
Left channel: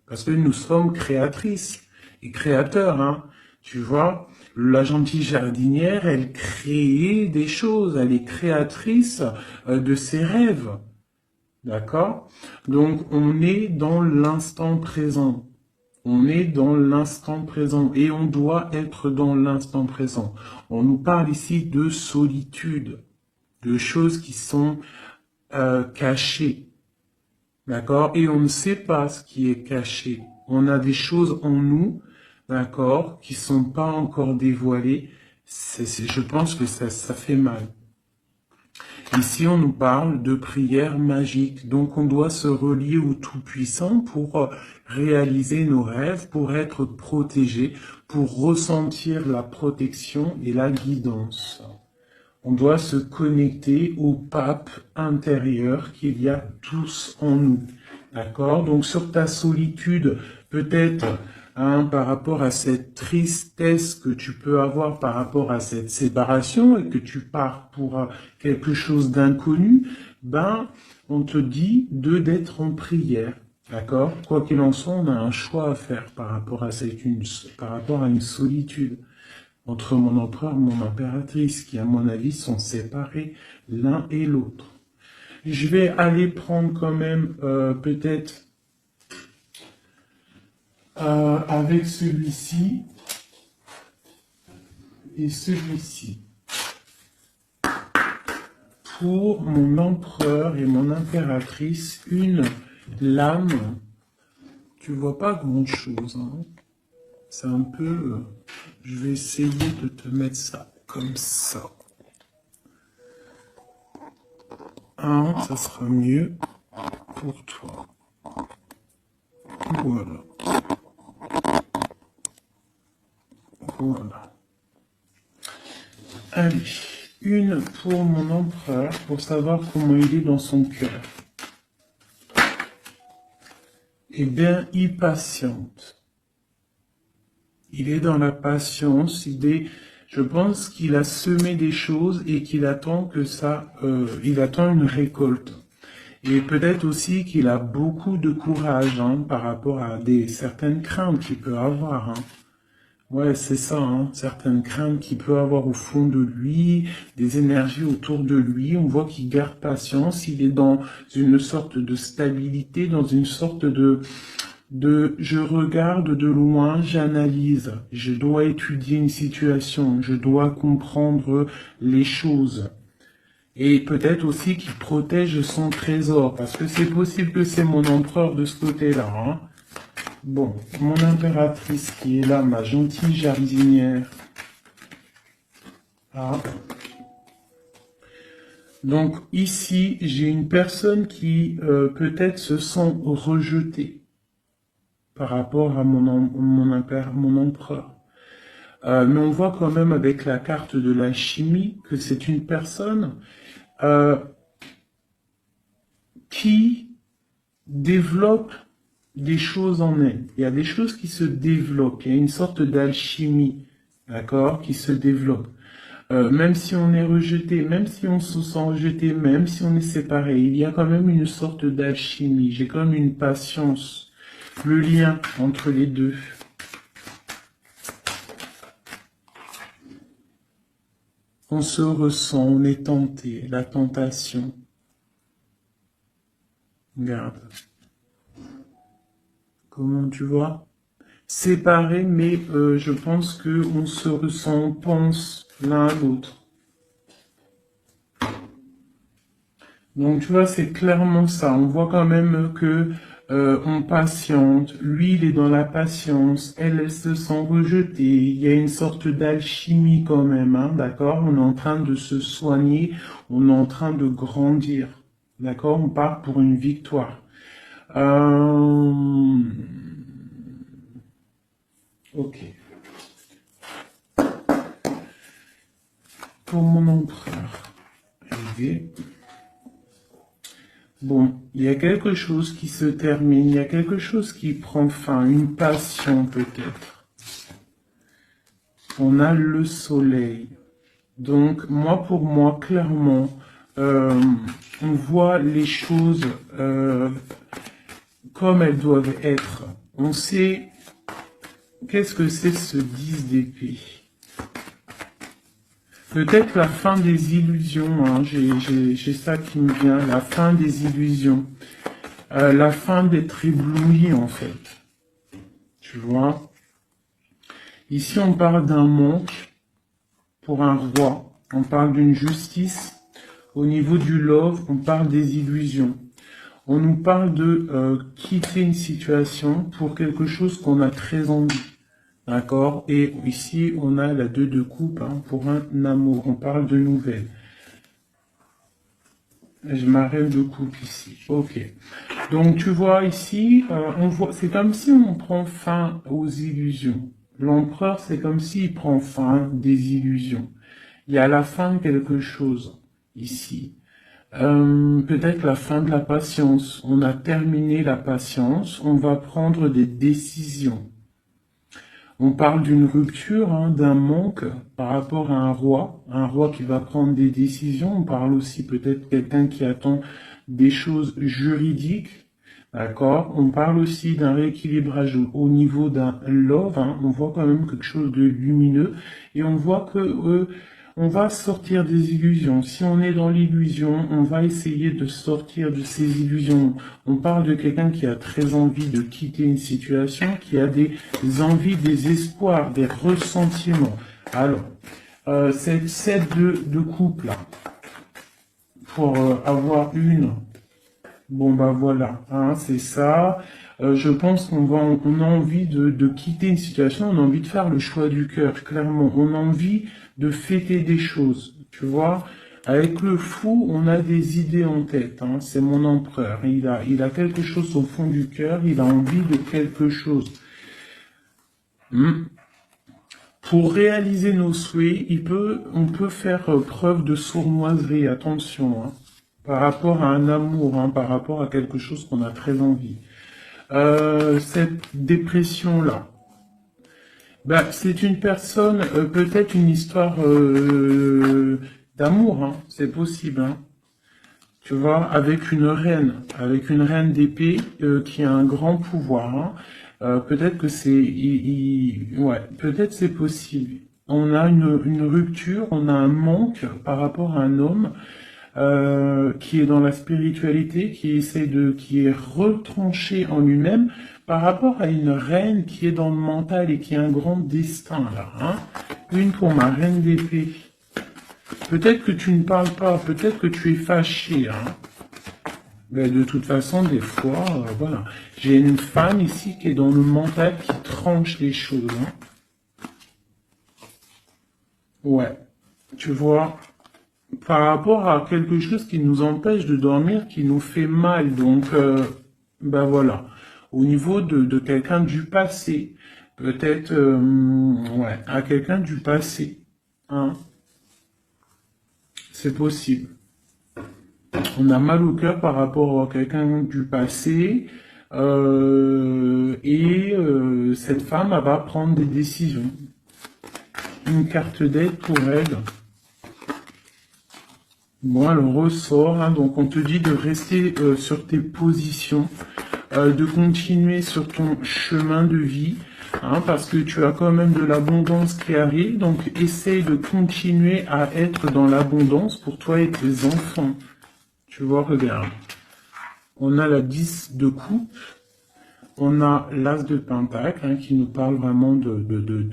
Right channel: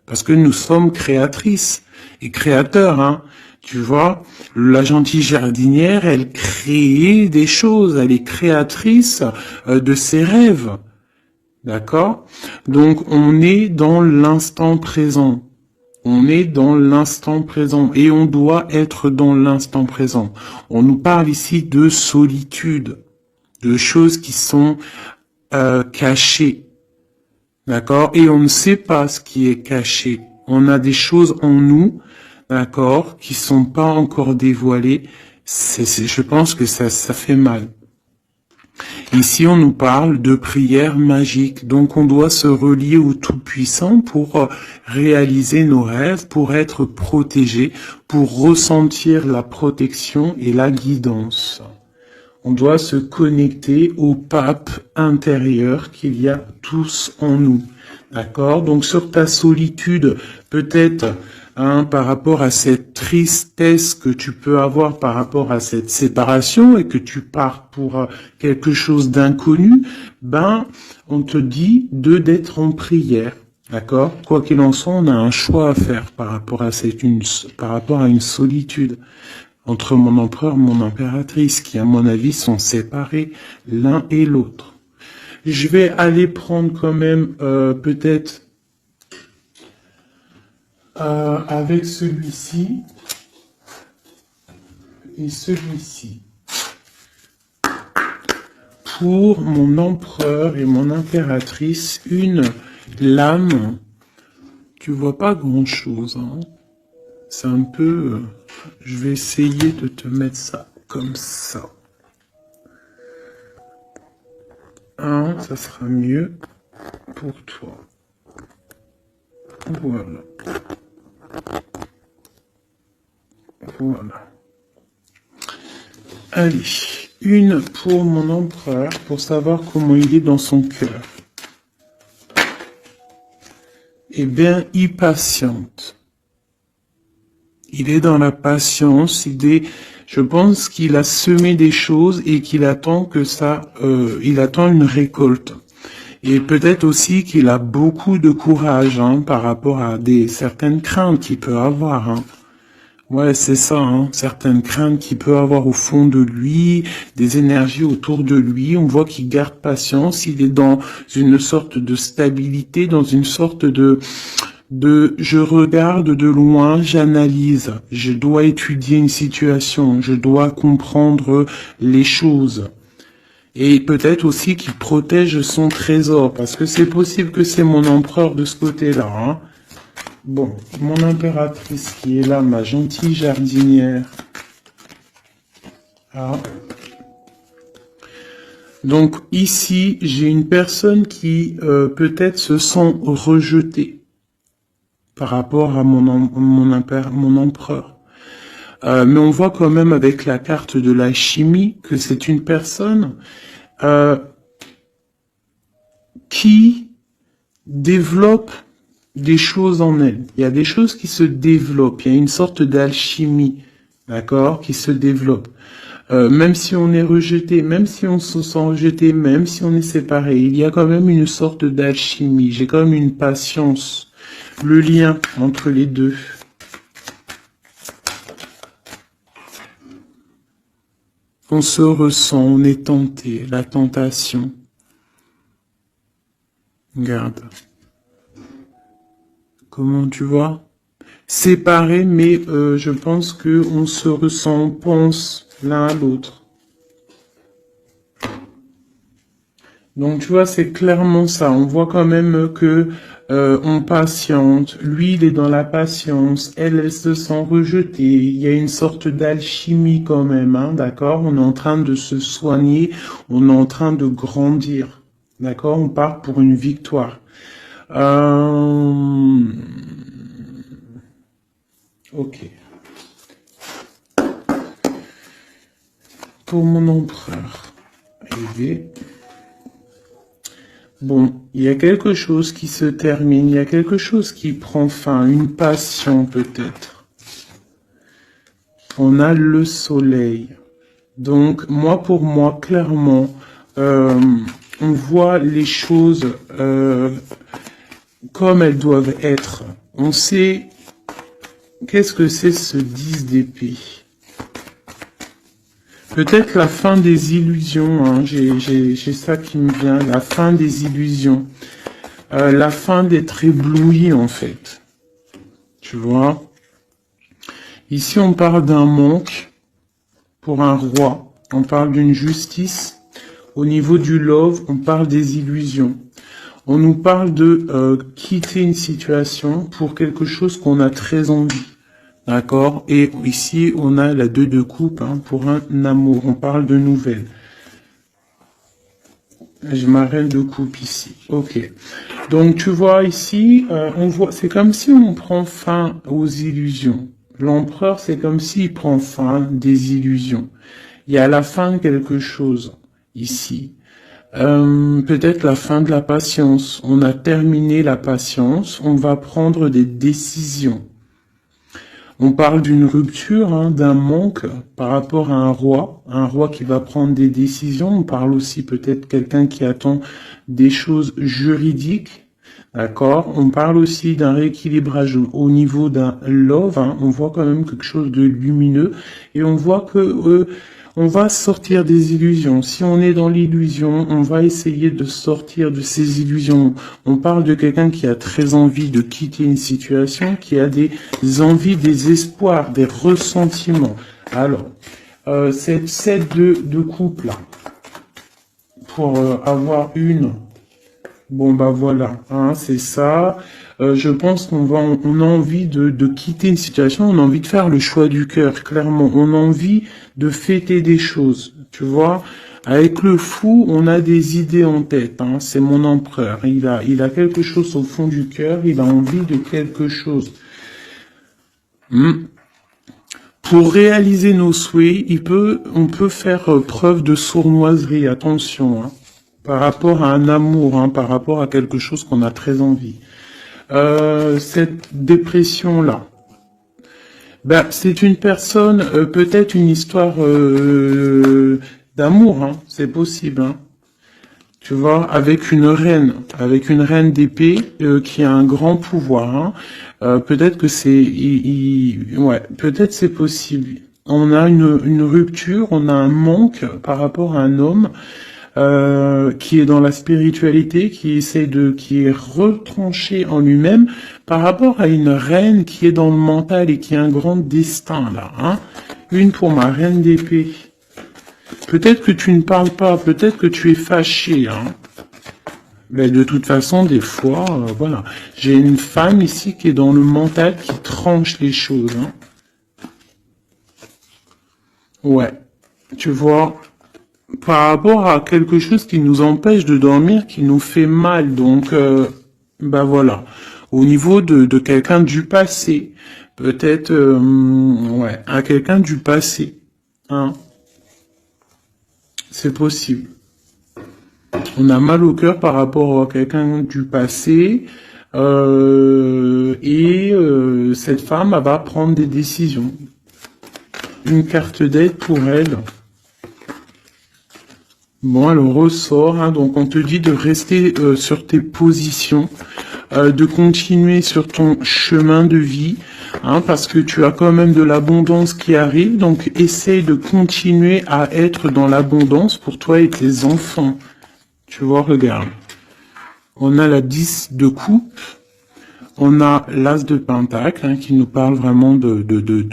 Parce que nous sommes créatrices et créateurs, hein. Tu vois, la gentille jardinière, elle crée des choses, elle est créatrice de ses rêves. D'accord? Donc, on est dans l'instant présent. On est dans l'instant présent et on doit être dans l'instant présent. On nous parle ici de solitude, de choses qui sont cachées. D'accord? Et on ne sait pas ce qui est caché. On a des choses en nous, d'accord, qui sont pas encore dévoilées. Je pense que ça fait mal. Ici, on nous parle de prière magique. Donc, on doit se relier au Tout-Puissant pour réaliser nos rêves, pour être protégé, pour ressentir la protection et la guidance. On doit se connecter au pape intérieur qu'il y a tous en nous. D'accord? Donc, sur ta solitude, peut-être, par rapport à cette tristesse que tu peux avoir par rapport à cette séparation et que tu pars pour quelque chose d'inconnu, on te dit d'être en prière. D'accord? Quoi qu'il en soit, on a un choix à faire par rapport à par rapport à une solitude entre mon empereur et mon impératrice, qui, à mon avis, sont séparés l'un et l'autre. Je vais aller prendre quand même peut-être avec celui-ci et celui-ci. Pour mon empereur et mon impératrice, une lame. Tu vois pas grand-chose, hein. C'est un peu... je vais essayer de te mettre ça comme ça. Ça sera mieux pour toi. Voilà. Voilà. Allez, une pour mon empereur, pour savoir comment il est dans son cœur. Eh bien, il patiente. Il est dans la patience, je pense qu'il a semé des choses et qu'il attend que il attend une récolte. Et peut-être aussi qu'il a beaucoup de courage par rapport à certaines craintes qu'il peut avoir. Ouais, c'est ça, certaines craintes qu'il peut avoir au fond de lui, des énergies autour de lui. On voit qu'il garde patience, il est dans une sorte de stabilité, dans une sorte de je regarde de loin, j'analyse, je dois étudier une situation, je dois comprendre les choses. Et peut-être aussi qu'il protège son trésor, parce que c'est possible que c'est mon empereur de ce côté-là. Bon, mon impératrice qui est là, ma gentille jardinière. Donc ici, j'ai une personne qui peut-être se sent rejetée par rapport à mon empereur. Mais on voit quand même avec la carte de la chimie que c'est une personne qui développe des choses en elle. Il y a des choses qui se développent. Il y a une sorte d'alchimie, d'accord, qui se développe. Même si on est rejeté, même si on se sent rejeté, même si on est séparé, il y a quand même une sorte d'alchimie. J'ai quand même une patience. Le lien entre les deux. On se ressent, on est tenté, la tentation. Regarde. Comment tu vois? Séparés, mais je pense qu'on se ressent, on pense l'un à l'autre. Donc tu vois, c'est clairement ça. On voit quand même que on patiente. Lui, il est dans la patience. Elle se sent rejetée. Il y a une sorte d'alchimie quand même, d'accord? On est en train de se soigner. On est en train de grandir. D'accord? On part pour une victoire. Ok. Pour mon empereur. Aider. Bon, il y a quelque chose qui se termine, il y a quelque chose qui prend fin, une passion peut-être. On a le soleil. Donc, pour moi, clairement, on voit les choses comme elles doivent être. On sait qu'est-ce que c'est ce 10 d'épée. Peut-être la fin des illusions, j'ai ça qui me vient, la fin des illusions. La fin d'être ébloui en fait. Tu vois? Ici on parle d'un manque pour un roi. On parle d'une justice. Au niveau du love, on parle des illusions. On nous parle de quitter une situation pour quelque chose qu'on a très envie. D'accord? Et ici, on a la 2 de coupe pour un amour. On parle de nouvelles. J'ai ma reine de coupe ici. Ok. Donc tu vois ici, on voit, c'est comme si on prend fin aux illusions. L'empereur, c'est comme s'il prend fin des illusions. Il y a la fin de quelque chose ici. Peut-être la fin de la patience. On a terminé la patience. On va prendre des décisions. On parle d'une rupture, hein, d'un manque par rapport à un roi qui va prendre des décisions. On parle aussi peut-être quelqu'un qui attend des choses juridiques, d'accord. On parle aussi d'un rééquilibrage au niveau d'un love, hein. On voit quand même quelque chose de lumineux et on voit que on va sortir des illusions. Si on est dans l'illusion, on va essayer de sortir de ces illusions. On parle de quelqu'un qui a très envie de quitter une situation, qui a des envies, des espoirs, des ressentiments. Alors, cette set de couple, pour avoir une, bon bah voilà, hein, c'est ça. Je pense on a envie de quitter une situation, on a envie de faire le choix du cœur, clairement. On a envie de fêter des choses, tu vois. Avec le fou, on a des idées en tête, hein. C'est mon empereur. Il a quelque chose au fond du cœur, il a envie de quelque chose. Pour réaliser nos souhaits, on peut faire preuve de sournoiserie, attention, hein, par rapport à un amour, hein, par rapport à quelque chose qu'on a très envie. Cette dépression-là, ben, c'est une personne, peut-être une histoire d'amour, hein, c'est possible, hein. Tu vois, avec une reine d'épée qui a un grand pouvoir, hein. Peut-être que ouais, peut-être c'est possible. On a une rupture, on a un manque par rapport à un homme qui est dans la spiritualité, qui est retranché en lui-même par rapport à une reine qui est dans le mental et qui a un grand destin là, hein. Une pour ma reine d'épée. Peut-être que tu ne parles pas, peut-être que tu es fâché, hein. Mais de toute façon, des fois, voilà. J'ai une femme ici qui est dans le mental, qui tranche les choses, hein. Ouais. Tu vois, par rapport à quelque chose qui nous empêche de dormir, qui nous fait mal. Donc, ben voilà. Au niveau de quelqu'un du passé, peut-être, ouais, à quelqu'un du passé, hein. C'est possible. On a mal au cœur par rapport à quelqu'un du passé. Cette femme, elle va prendre des décisions. Une carte d'aide pour elle. Bon, elle ressort, hein, donc on te dit de rester sur tes positions, de continuer sur ton chemin de vie, hein, parce que tu as quand même de l'abondance qui arrive, donc essaye de continuer à être dans l'abondance pour toi et tes enfants. Tu vois, regarde. On a la 10 de coupe, on a l'as de pentacle, hein, qui nous parle vraiment de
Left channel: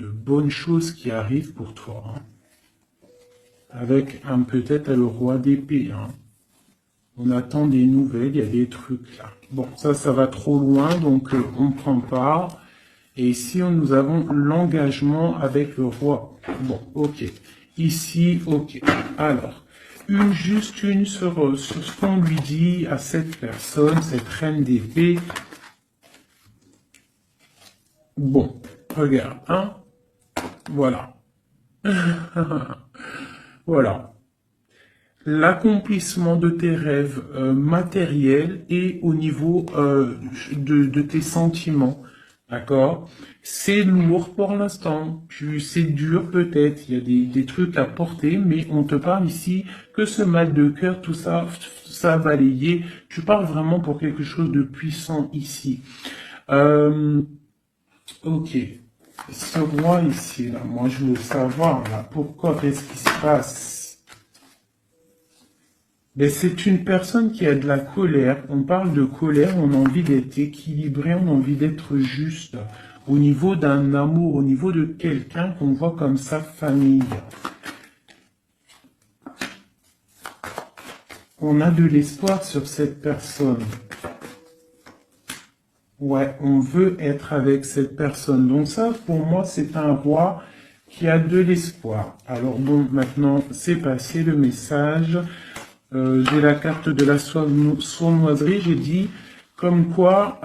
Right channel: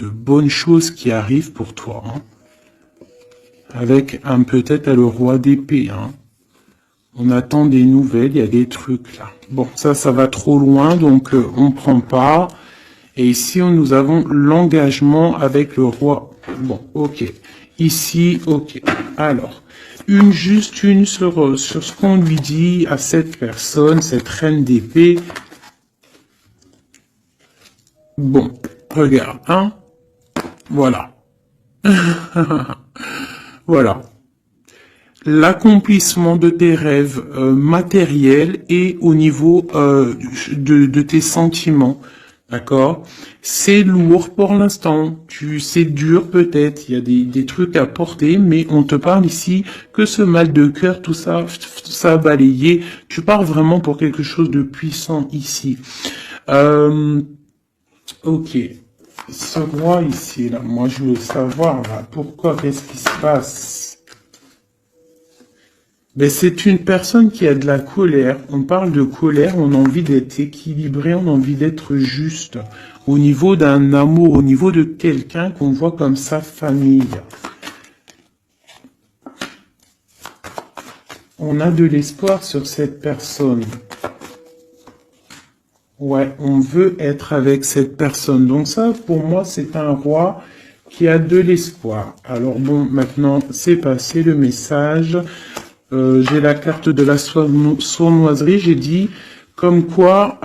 bonnes choses qui arrivent pour toi, hein. Avec peut-être le roi d'épée, hein. On attend des nouvelles, il y a des trucs là. Bon, ça va trop loin, donc on prend pas. Et ici, nous avons l'engagement avec le roi. Bon, ok. Ici, ok. Alors, juste une sur ce qu'on lui dit à cette personne, cette reine d'épée. Bon, regarde, hein. Voilà. Voilà. L'accomplissement de tes rêves matériels et au niveau de tes sentiments. D'accord? C'est lourd pour l'instant. C'est dur peut-être. Il y a des trucs à porter, mais on te parle ici que ce mal de cœur, tout ça balayé. Tu parles vraiment pour quelque chose de puissant ici. Ok. Ce roi ici, là, moi je veux savoir là, pourquoi, qu'est-ce qui se passe? Ben, c'est une personne qui a de la colère. On parle de colère, on a envie d'être équilibré, on a envie d'être juste. Au niveau d'un amour, au niveau de quelqu'un qu'on voit comme sa famille. On a de l'espoir sur cette personne. Ouais, on veut être avec cette personne. Donc ça, pour moi, c'est un roi qui a de l'espoir. Alors bon, maintenant, c'est passé le message. j'ai la carte de la sournoiserie, j'ai dit comme quoi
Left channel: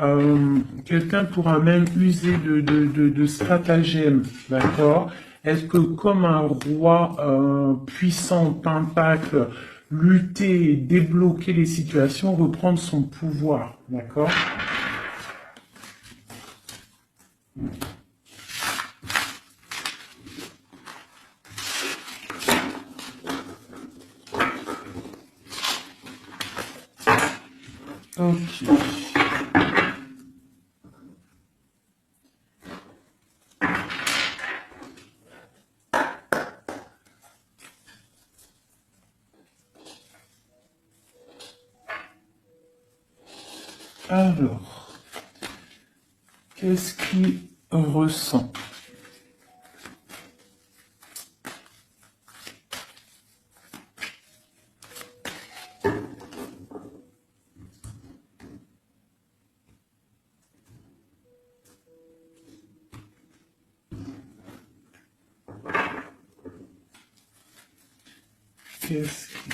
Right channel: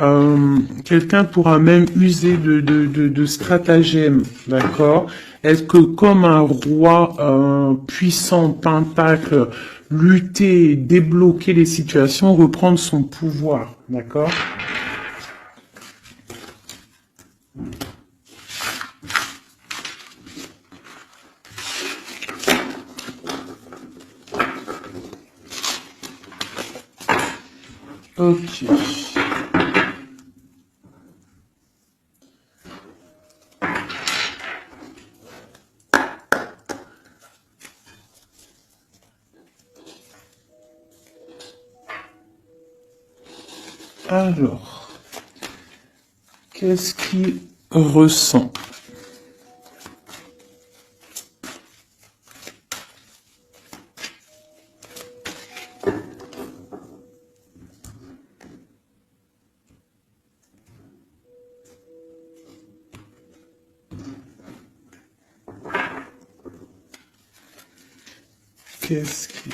quelqu'un pourra même user de stratagèmes, d'accord? Est-ce que comme un roi puissant, pentacle, lutter, débloquer les situations, reprendre son pouvoir, d'accord? Ok. Alors, qu'est-ce qu'il ressent? Qu'est-ce qu'il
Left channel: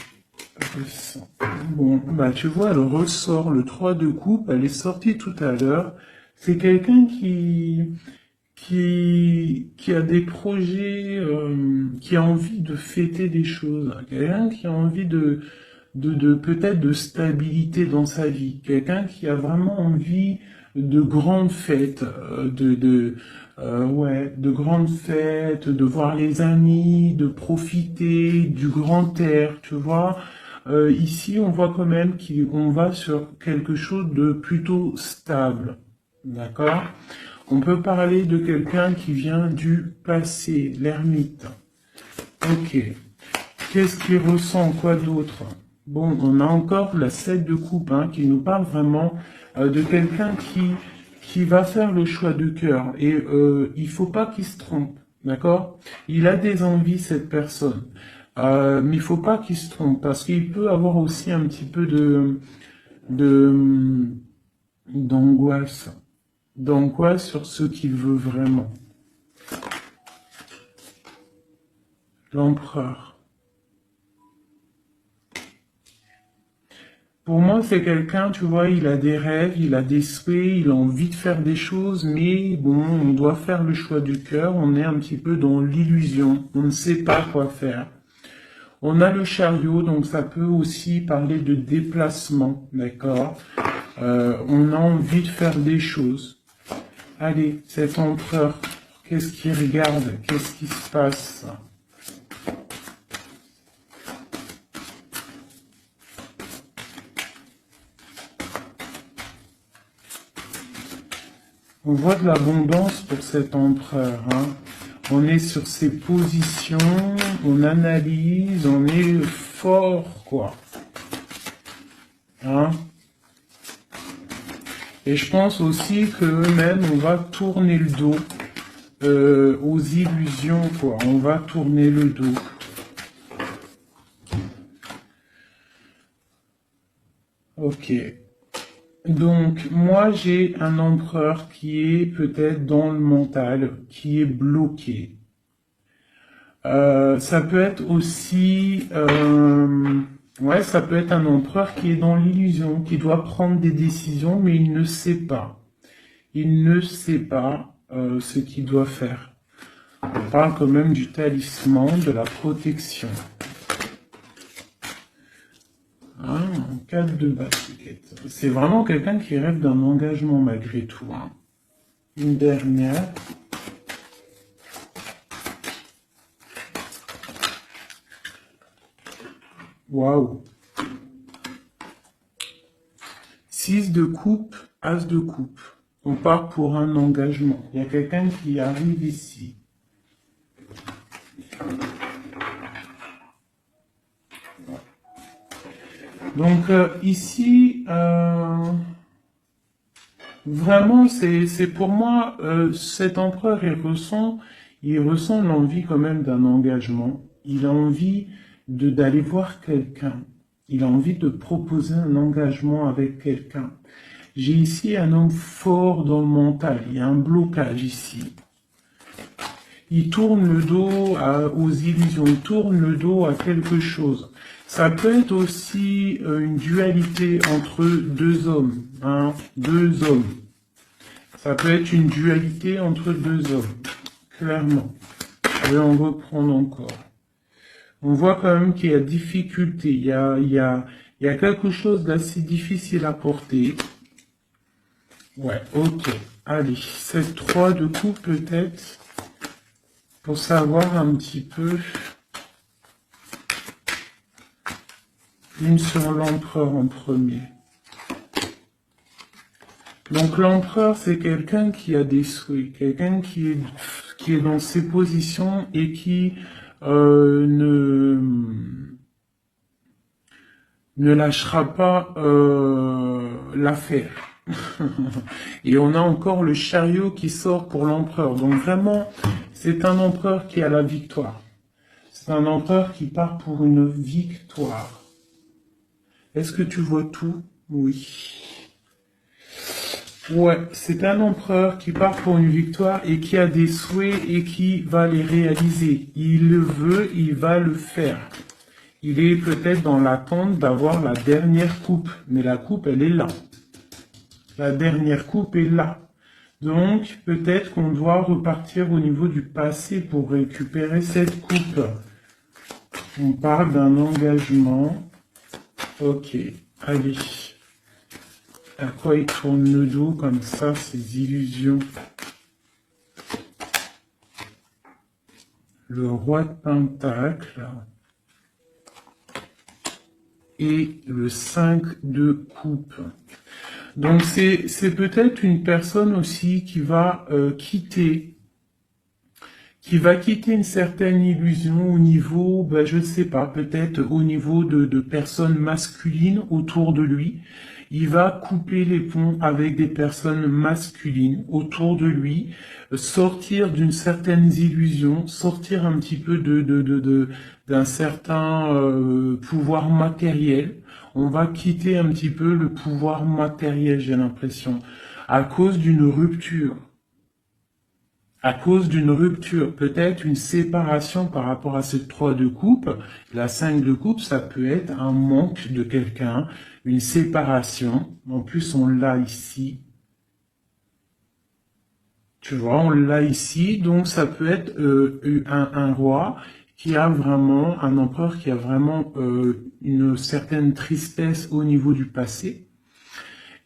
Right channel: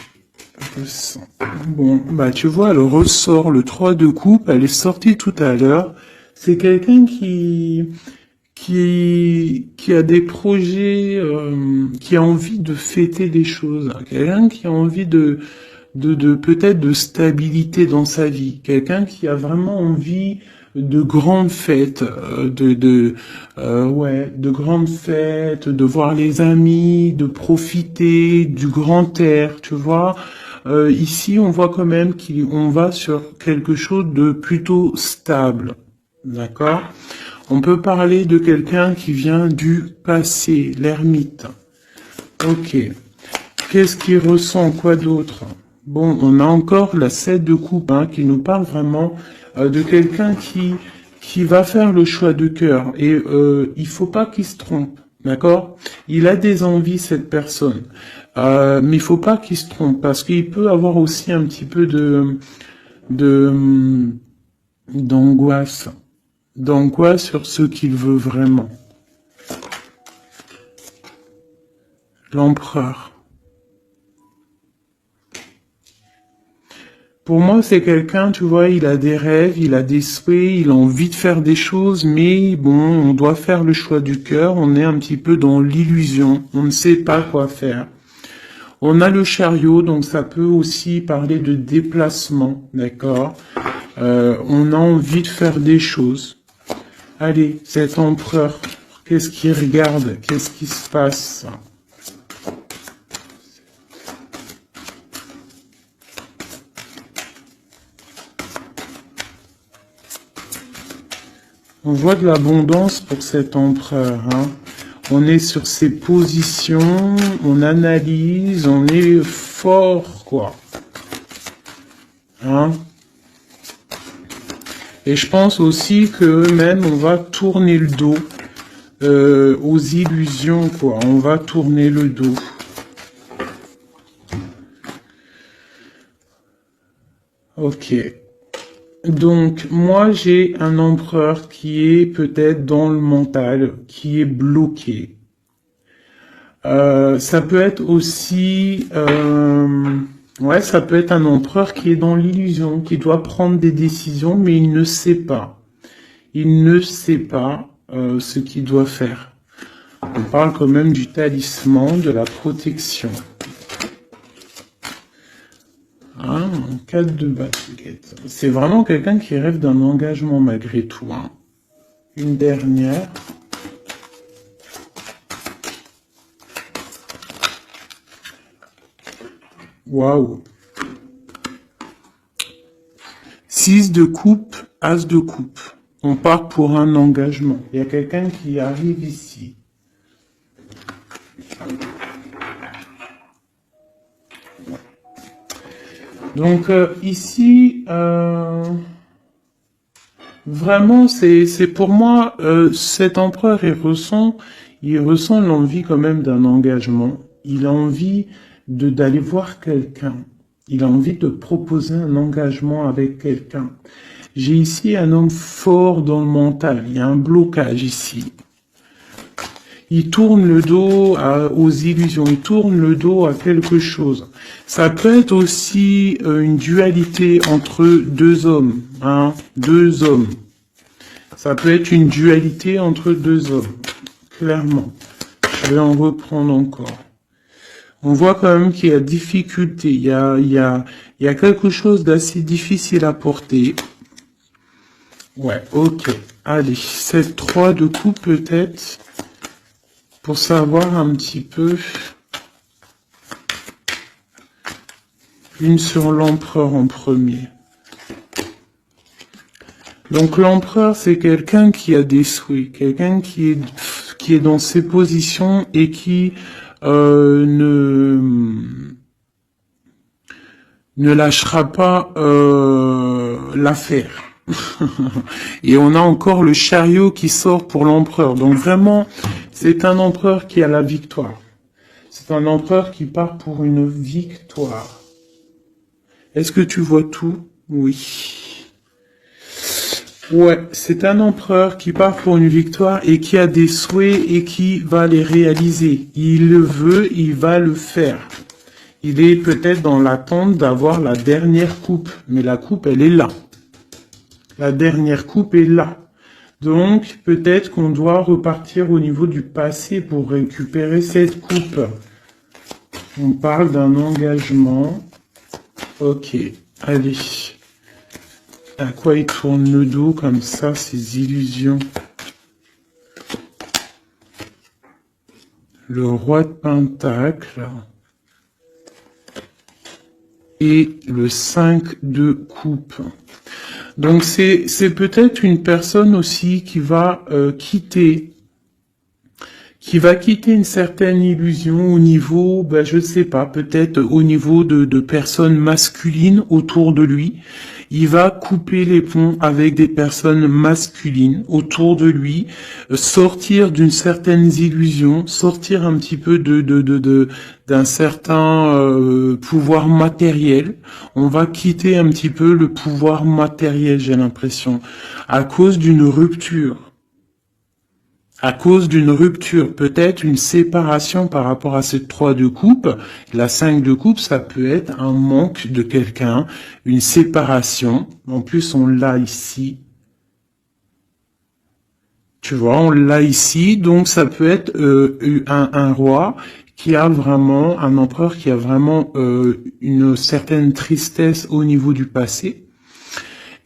ressent? Bon, bah tu vois, le ressort, le 3 de coupe, elle est sortie tout à l'heure. C'est quelqu'un qui a des projets, qui a envie de fêter des choses. Quelqu'un qui a envie de peut-être de stabilité dans sa vie. Quelqu'un qui a vraiment envie de grandes fêtes, ouais, de grandes fêtes, de voir les amis, de profiter du grand air, tu vois. Ici, on voit quand même qu'on va sur quelque chose de plutôt stable, d'accord? On peut parler de quelqu'un qui vient du passé, l'ermite. Ok. Qu'est-ce qu'il ressent? Quoi d'autre? Bon, on a encore la 7 de coupe hein, qui nous parle vraiment de quelqu'un qui va faire le choix de cœur. Et il faut pas qu'il se trompe, d'accord? Il a des envies, cette personne. Mais il faut pas qu'il se trompe parce qu'il peut avoir aussi un petit peu de d'angoisse. D'angoisse sur ce qu'il veut vraiment. L'empereur. Pour moi, c'est quelqu'un, tu vois, il a des rêves, il a des souhaits, il a envie de faire des choses, mais bon, on doit faire le choix du cœur, on est un petit peu dans l'illusion, on ne sait pas quoi faire. On a le chariot, donc ça peut aussi parler de déplacement, d'accord? On a envie de faire des choses. Allez, cet empereur, qu'est-ce qu'il regarde? Qu'est-ce qui se passe? On voit de l'abondance pour cet empereur. Hein. On est sur ses positions, on analyse, on est fort, quoi. Hein. Et je pense aussi que même on va tourner le dos aux illusions, quoi. On va tourner le dos. Ok. Donc, moi, j'ai un empereur qui est peut-être dans le mental, qui est bloqué. Ça peut être aussi, ouais, ça peut être un empereur qui est dans l'illusion, qui doit prendre des décisions, mais il ne sait pas. Il ne sait pas ce qu'il doit faire. On parle quand même du talisman, de la protection. Hein, 4 de baguette. C'est vraiment quelqu'un qui rêve d'un engagement malgré tout. Hein. Une dernière. Waouh. 6 de coupe, as de coupe. On part pour un engagement. Il y a quelqu'un qui arrive ici. Donc ici, vraiment, c'est pour moi, cet empereur, il ressent l'envie quand même d'un engagement. Il a envie d'aller voir quelqu'un. Il a envie de proposer un engagement avec quelqu'un. J'ai ici un homme fort dans le mental. Il y a un blocage ici. Il tourne le dos aux illusions, il tourne le dos à quelque chose. Ça peut être aussi une dualité entre deux hommes, hein, deux hommes. Ça peut être une dualité entre deux hommes, clairement. Je vais en reprendre encore. On voit quand même qu'il y a difficulté, il y a quelque chose d'assez difficile à porter. Ouais, ok. Allez, cette 3 de coupe peut-être, pour savoir un petit peu. Une sur l'empereur en premier. Donc l'empereur, c'est quelqu'un qui a des souhaits, quelqu'un qui est dans ses positions et qui ne lâchera pas l'affaire. Et on a encore le chariot qui sort pour l'empereur. Donc vraiment, c'est un empereur qui a la victoire. C'est un empereur qui part pour une victoire. Est-ce que tu vois tout? Oui. Ouais, c'est un empereur qui part pour une victoire et qui a des souhaits et qui va les réaliser. Il le veut, il va le faire. Il est peut-être dans l'attente d'avoir la dernière coupe, mais la coupe, elle est là. La dernière coupe est là. Donc, peut-être qu'on doit repartir au niveau du passé pour récupérer cette coupe. On parle d'un engagement. Ok, allez. À quoi il tourne le dos comme ça, ces illusions? Le roi de Pentacle. Et le 5 de coupe. Donc c'est peut-être une personne aussi qui va quitter une certaine illusion au niveau, ben je sais pas, peut-être au niveau de personnes masculines autour de lui. Il va couper les ponts avec des personnes masculines autour de lui, sortir d'une certaine illusion, sortir un petit peu d'un certain pouvoir matériel. On va quitter un petit peu le pouvoir matériel, j'ai l'impression, à cause d'une rupture. À cause d'une rupture, peut-être une séparation par rapport à cette 3 de coupe. La 5 de coupe, ça peut être un manque de quelqu'un, une séparation. En plus, on l'a ici. Tu vois, on l'a ici. Donc, ça peut être un roi qui a vraiment, un empereur qui a vraiment une certaine tristesse au niveau du passé.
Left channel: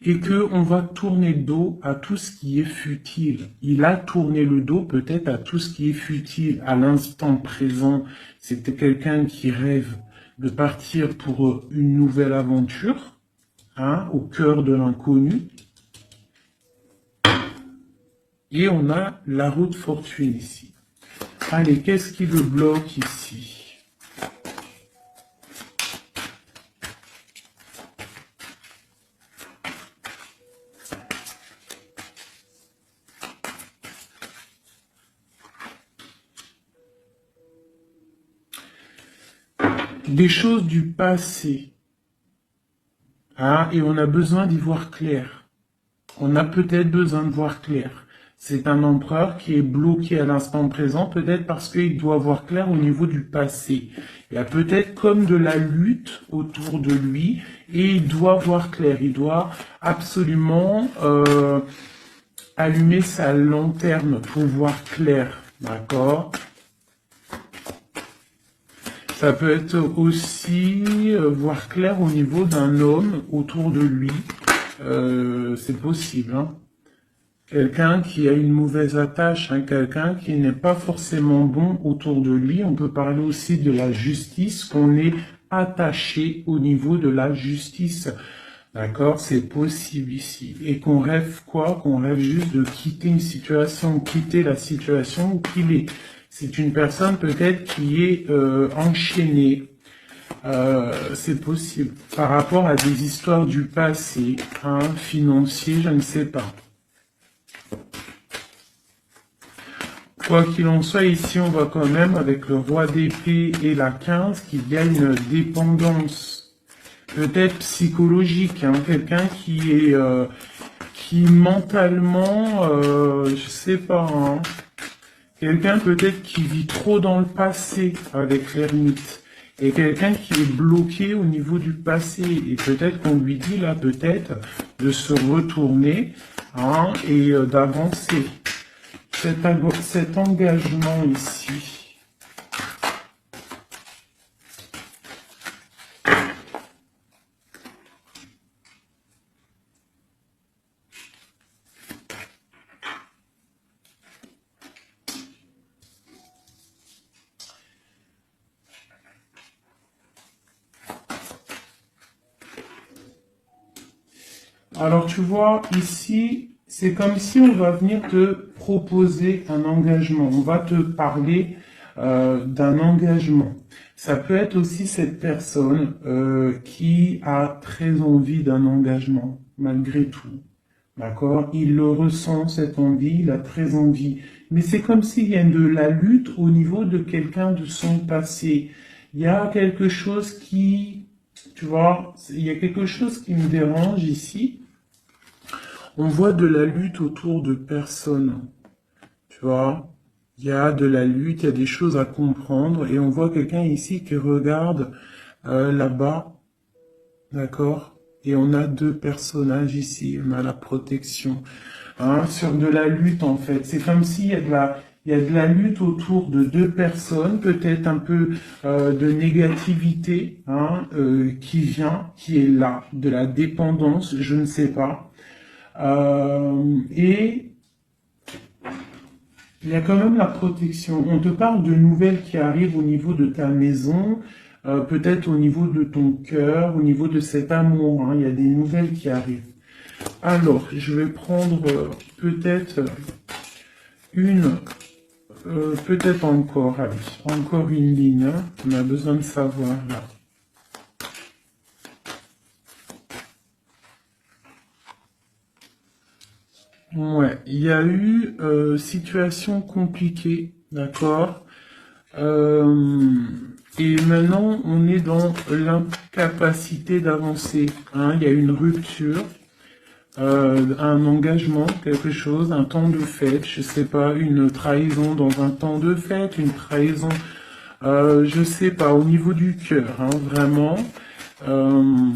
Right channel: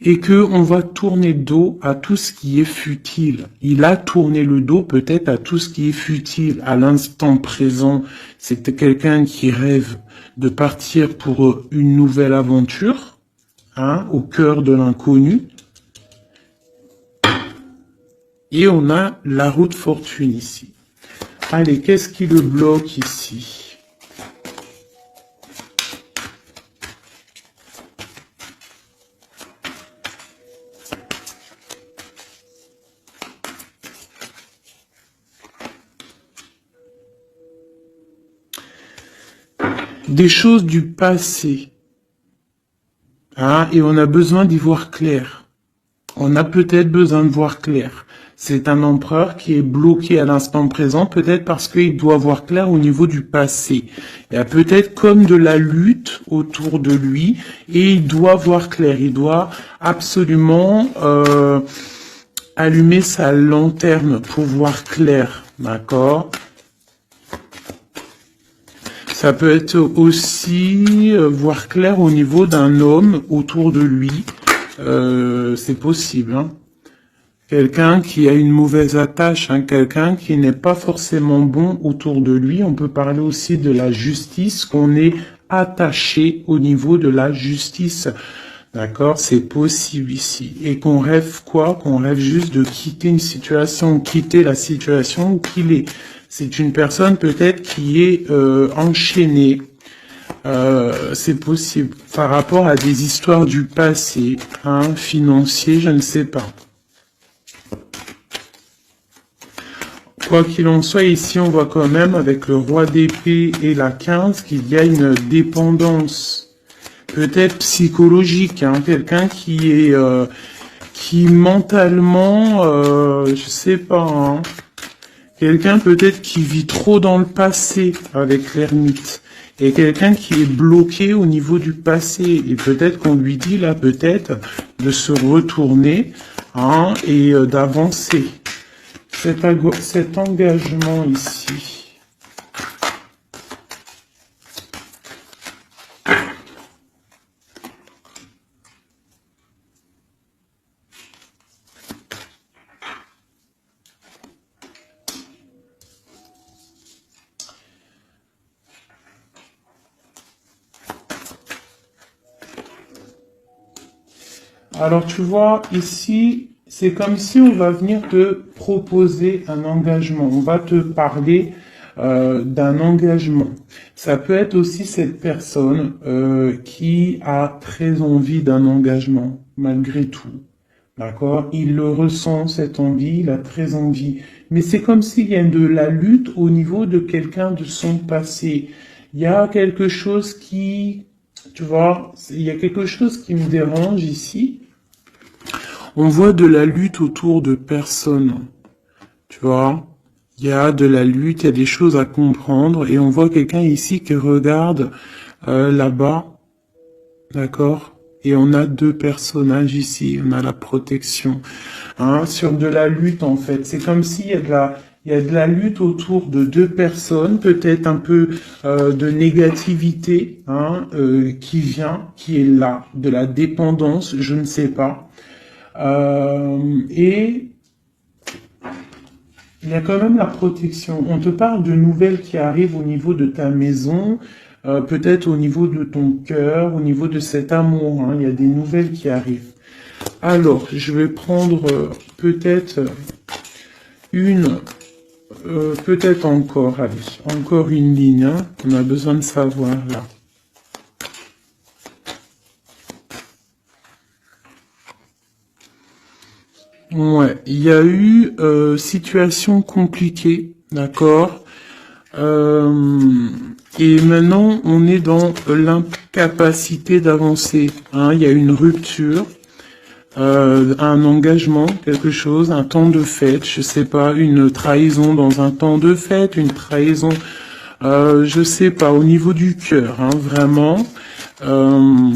Et que on va tourner le dos à tout ce qui est futile. Il a tourné le dos peut-être à tout ce qui est futile à l'instant présent. C'était quelqu'un qui rêve de partir pour une nouvelle aventure, hein, au cœur de l'inconnu. Et on a la roue de fortune ici. Allez, qu'est-ce qui le bloque ici? Des choses du passé. Ah, et on a besoin d'y voir clair. On a peut-être besoin de voir clair. C'est un empereur qui est bloqué à l'instant présent, peut-être parce qu'il doit voir clair au niveau du passé. Il y a peut-être comme de la lutte autour de lui, et il doit voir clair. Il doit absolument allumer sa lanterne pour voir clair. D'accord ? Ça peut être aussi voir clair au niveau d'un homme autour de lui. C'est possible. Hein. Quelqu'un qui a une mauvaise attache, hein, quelqu'un qui n'est pas forcément bon autour de lui. On peut parler aussi de la justice, qu'on est attaché au niveau de la justice. D'accord? C'est possible ici. Et qu'on rêve quoi? Qu'on rêve juste de quitter une situation, quitter la situation qu'il est. C'est une personne peut-être qui est enchaînée. C'est possible. Par rapport à des histoires du passé, hein, financier, je ne sais pas. Quoi qu'il en soit, ici, on voit quand même, avec le roi d'épée et la 15, qu'il y a une dépendance, peut-être psychologique, hein, quelqu'un qui est, qui mentalement, je sais pas, hein, Quelqu'un peut-être qui vit trop dans le passé avec l'ermite. Et quelqu'un qui est bloqué au niveau du passé. Et peut-être qu'on lui dit là, peut-être, de se retourner hein, et d'avancer. Cet engagement ici. Alors tu vois, ici, c'est comme si on va venir te proposer un engagement. On va te parler d'un engagement. Ça peut être aussi cette personne qui a très envie d'un engagement, malgré tout. D'accord? Il le ressent, cette envie, il a très envie. Mais c'est comme s'il y a de la lutte au niveau de quelqu'un de son passé. Il y a quelque chose qui, tu vois, il y a quelque chose qui me dérange ici. On voit de la lutte autour de personnes, tu vois. Il y a de la lutte, il y a des choses à comprendre, et on voit quelqu'un ici qui regarde là-bas, d'accord? Et on a deux personnages ici, on a la protection, hein, sur de la lutte en fait. C'est comme s'il y a il y a de la lutte autour de deux personnes, peut-être un peu de négativité hein, qui vient, qui est là, de la dépendance, je ne sais pas. Et il y a quand même la protection. On te parle de nouvelles qui arrivent au niveau de ta maison, peut-être au niveau de ton cœur, au niveau de cet amour. Hein. Il y a des nouvelles qui arrivent. Alors, je vais prendre peut-être peut-être encore, allez, encore une ligne. Hein. On a besoin de savoir là. Ouais, il y a eu situation compliquée, d'accord. Et maintenant, on est dans l'incapacité d'avancer. Hein. Il y a une rupture, un engagement, quelque chose, un temps de fête, je sais pas, une trahison dans un temps de fête, une trahison, je sais pas, au niveau du cœur, hein, vraiment. Euh,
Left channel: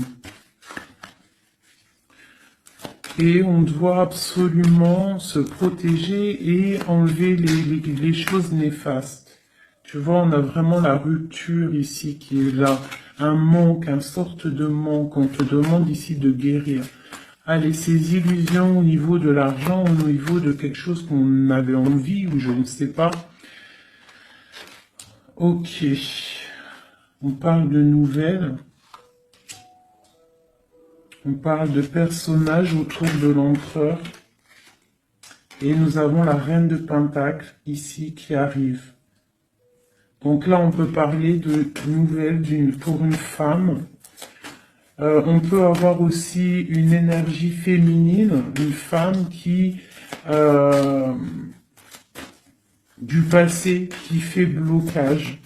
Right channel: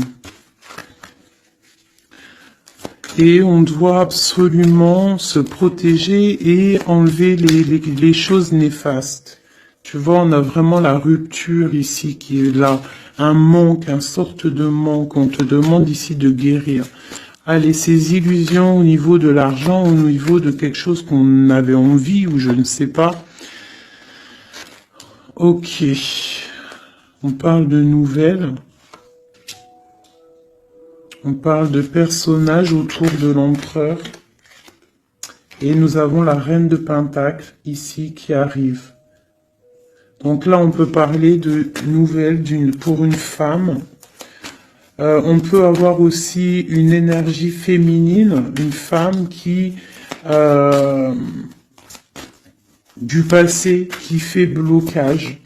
Et on doit absolument se protéger et enlever les choses néfastes. Tu vois, on a vraiment la rupture ici qui est là. Un manque, une sorte de manque. On te demande ici de guérir. Allez, ces illusions au niveau de l'argent, au niveau de quelque chose qu'on avait envie ou je ne sais pas. Ok. On parle de nouvelles. On parle de personnages autour de l'empereur. Et nous avons la reine de Pentacle ici qui arrive. Donc là, on peut parler de nouvelles pour une femme. On peut avoir aussi une énergie féminine, une femme qui du passé qui fait blocage.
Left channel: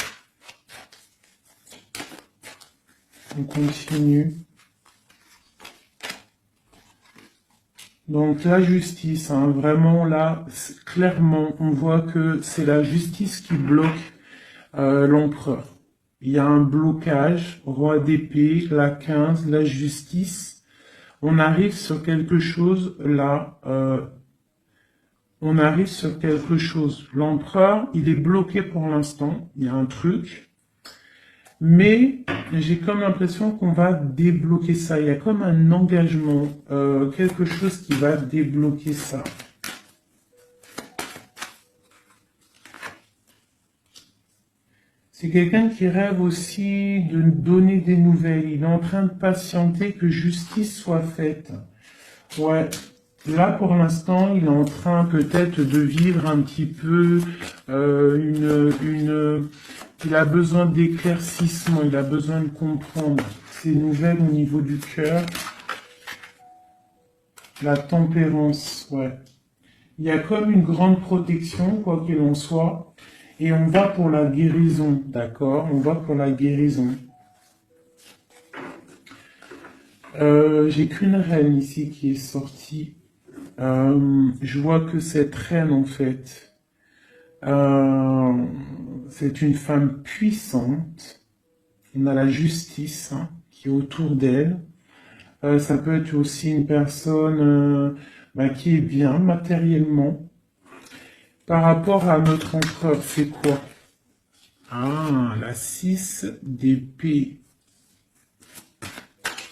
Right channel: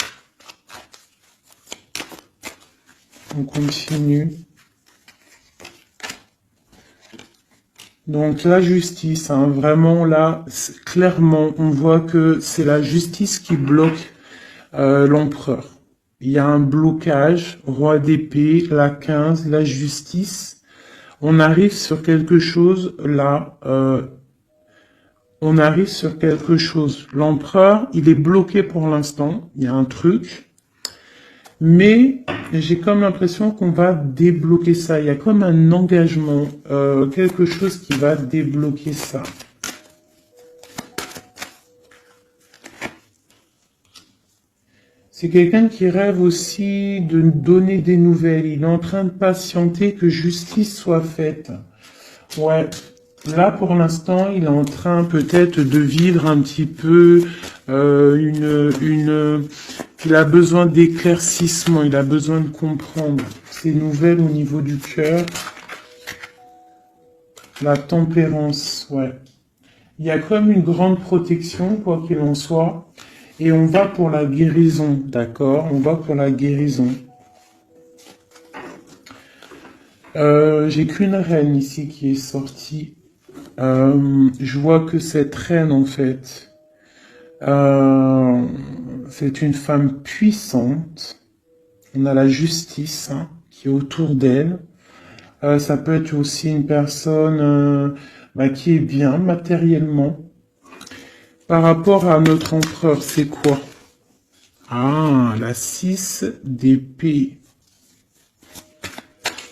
On continue. Donc la justice, hein, vraiment là, clairement, on voit que c'est la justice qui bloque l'empereur. Il y a un blocage, roi d'épée, la 15, la justice. On arrive sur quelque chose là, on arrive sur quelque chose. L'empereur, il est bloqué pour l'instant, il y a un truc. Mais j'ai comme l'impression qu'on va débloquer ça. Il y a comme un engagement, quelque chose qui va débloquer ça. C'est quelqu'un qui rêve aussi de donner des nouvelles. Il est en train de patienter que justice soit faite. Ouais. Là, pour l'instant, il est en train peut-être de vivre un petit peu il a besoin d'éclaircissement, il a besoin de comprendre ces nouvelles au niveau du cœur. La tempérance, ouais. Il y a comme une grande protection, quoi qu'il en soit. Et on va pour la guérison, d'accord? On va pour la guérison. J'ai qu'une reine ici qui est sortie. Je vois que cette reine, en fait, C'est une femme puissante. On a la justice hein, qui est autour d'elle. Ça peut être aussi une personne qui est bien matériellement. Par rapport à notre empereur, c'est quoi? Ah, la 6 d'épée.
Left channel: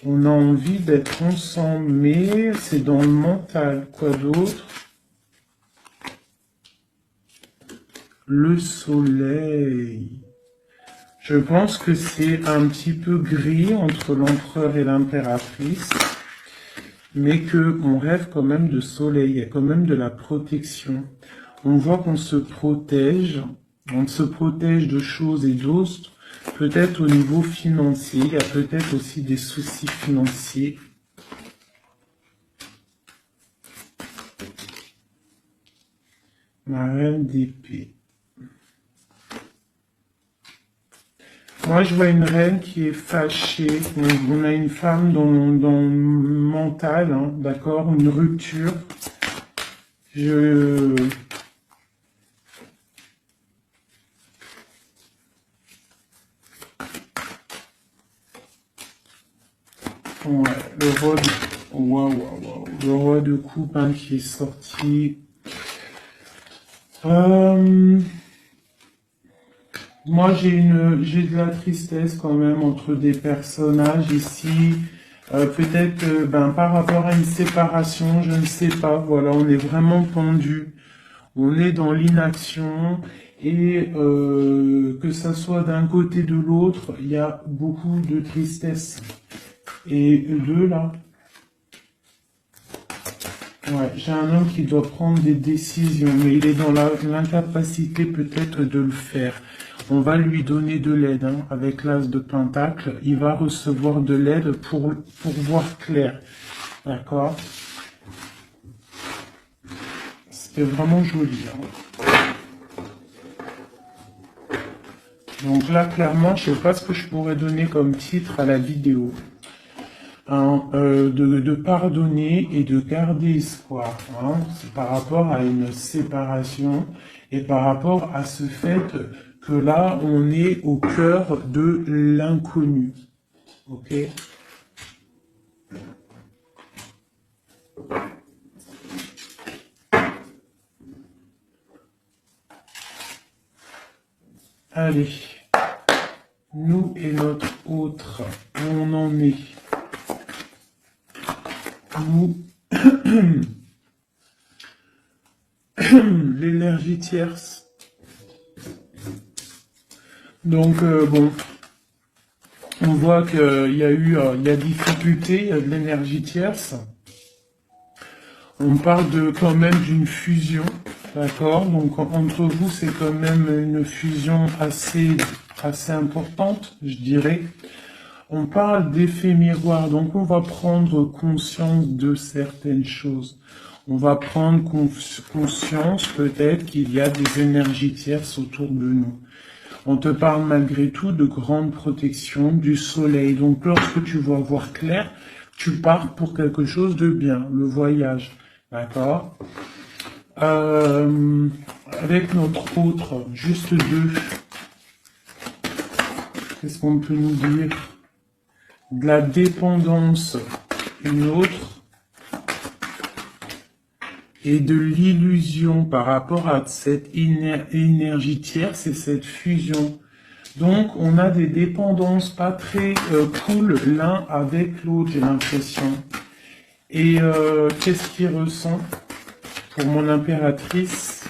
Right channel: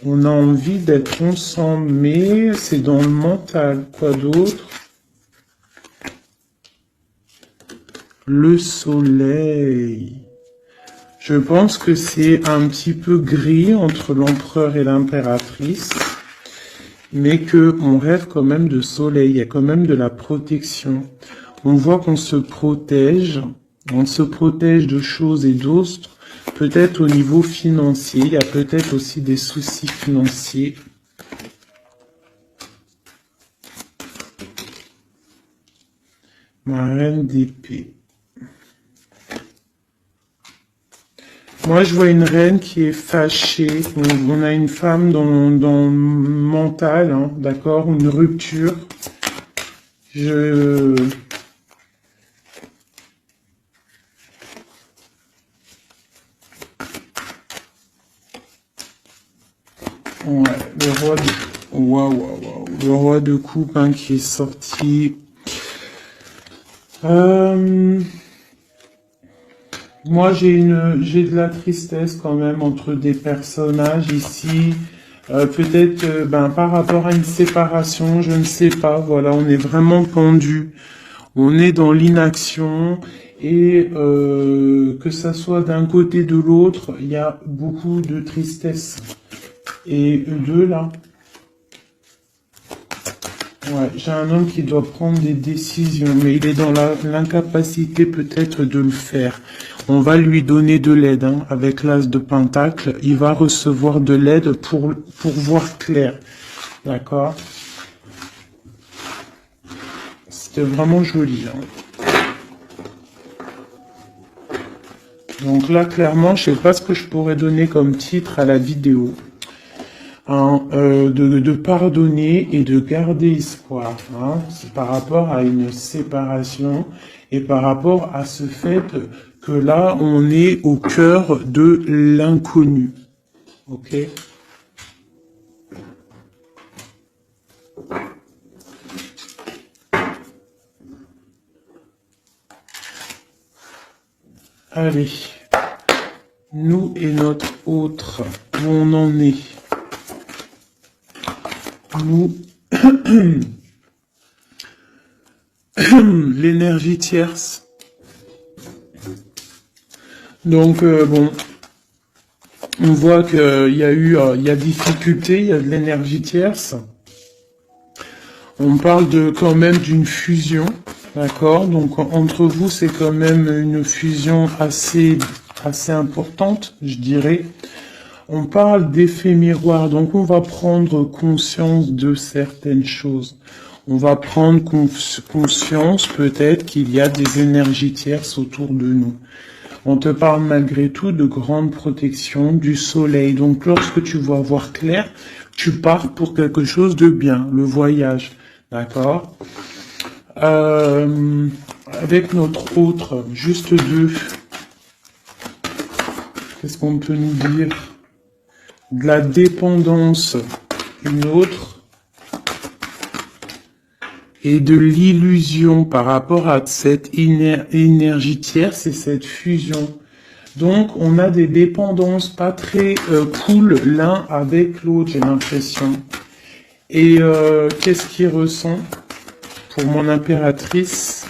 On a envie d'être ensemble, mais c'est dans le mental. Quoi d'autre? Le soleil. Je pense que c'est un petit peu gris entre l'empereur et l'impératrice, mais que on rêve quand même de soleil, il y a quand même de la protection. On voit qu'on se protège, on se protège de choses et d'autres, peut-être au niveau financier, il y a peut-être aussi des soucis financiers. Ma reine d'épée. Moi, je vois une reine qui est fâchée. On a une femme dans le mental, hein, d'accord, une rupture. Ouais, le roi de coupe hein, qui est sorti. Moi, j'ai de la tristesse quand même entre des personnages ici. Peut-être par rapport à une séparation, je ne sais pas. Voilà, on est vraiment pendu. On est dans l'inaction. Et que ça soit d'un côté ou de l'autre, il y a beaucoup de tristesse. Et deux là. Ouais, j'ai un homme qui doit prendre des décisions, mais il est dans l'incapacité peut-être de le faire. On va lui donner de l'aide, hein, avec l'as de pentacle. Il va recevoir de l'aide pour voir clair. D'accord? C'était vraiment joli. Hein. Donc là, clairement, je sais pas ce que je pourrais donner comme titre à la vidéo. Hein, de pardonner et de garder espoir. Hein. C'est par rapport à une séparation et par rapport à ce fait que là, on est au cœur de l'inconnu. Ok? Allez. Nous et notre autre, où on en est. Nous, l'énergie tierce. Donc, bon, on voit qu'il y a difficulté, il y a de l'énergie tierce. On parle quand même d'une fusion, d'accord? Donc, entre vous, c'est quand même une fusion assez importante, je dirais. On parle d'effet miroir, donc on va prendre conscience de certaines choses. On va prendre conscience peut-être qu'il y a des énergies tierces autour de nous. On te parle malgré tout de grande protection du soleil. Donc lorsque tu vas voir clair, tu pars pour quelque chose de bien, le voyage. D'accord? Avec notre autre, juste deux. Qu'est-ce qu'on peut nous dire? De la dépendance, une autre, et de l'illusion par rapport à cette énergie tierce et cette fusion. Donc, on a des dépendances pas très cool l'un avec l'autre, j'ai l'impression. Et qu'est-ce qu'il ressent pour mon impératrice?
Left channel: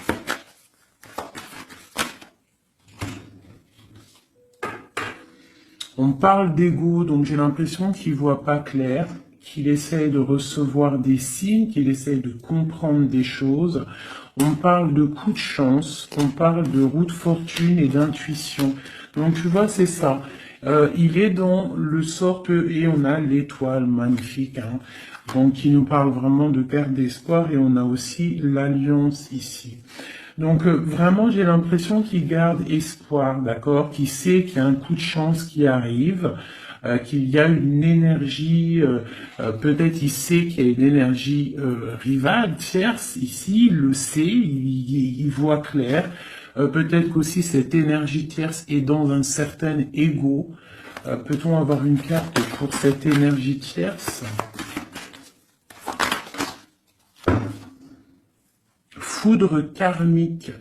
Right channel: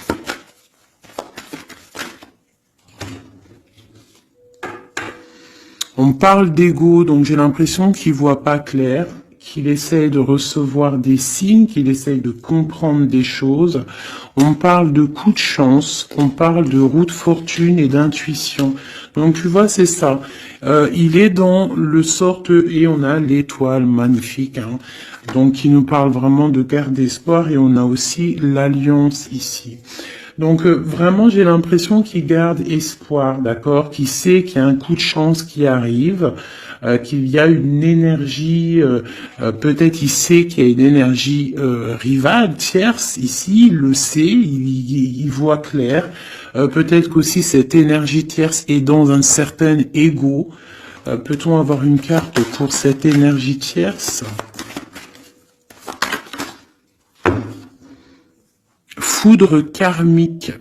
On parle d'ego, donc j'ai l'impression qu'il voit pas clair, qu'il essaye de recevoir des signes, qu'il essaye de comprendre des choses. On parle de coup de chance, on parle de roue de fortune et d'intuition. Donc tu vois, c'est ça. Il est dans le sorte, et on a l'étoile magnifique, hein, donc qui nous parle vraiment de garde d'espoir, et on a aussi l'alliance ici. Donc vraiment, j'ai l'impression qu'il garde espoir, d'accord, qu'il sait qu'il y a un coup de chance qui arrive, qu'il y a une énergie, peut-être il sait qu'il y a une énergie rivale, tierce, ici, il le sait, il voit clair. Peut-être qu'aussi cette énergie tierce est dans un certain ego. Peut-on avoir une carte pour cette énergie tierce? Foudre karmique.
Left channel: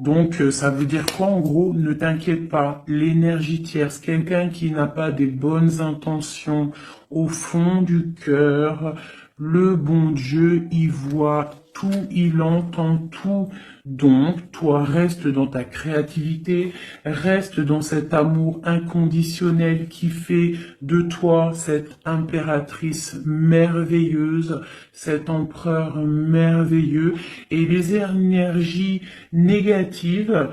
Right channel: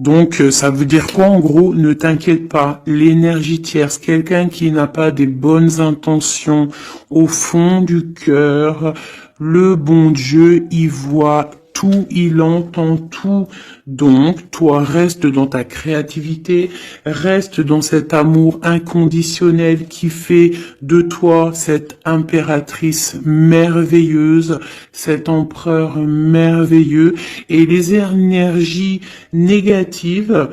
Donc, ça veut dire quoi en gros? Ne t'inquiète pas, l'énergie tierce, quelqu'un qui n'a pas des bonnes intentions au fond du cœur, le bon Dieu, il voit tout, il entend tout. Donc, toi, reste dans ta créativité, reste dans cet amour inconditionnel qui fait de toi cette impératrice merveilleuse, cet empereur merveilleux. Et les énergies négatives,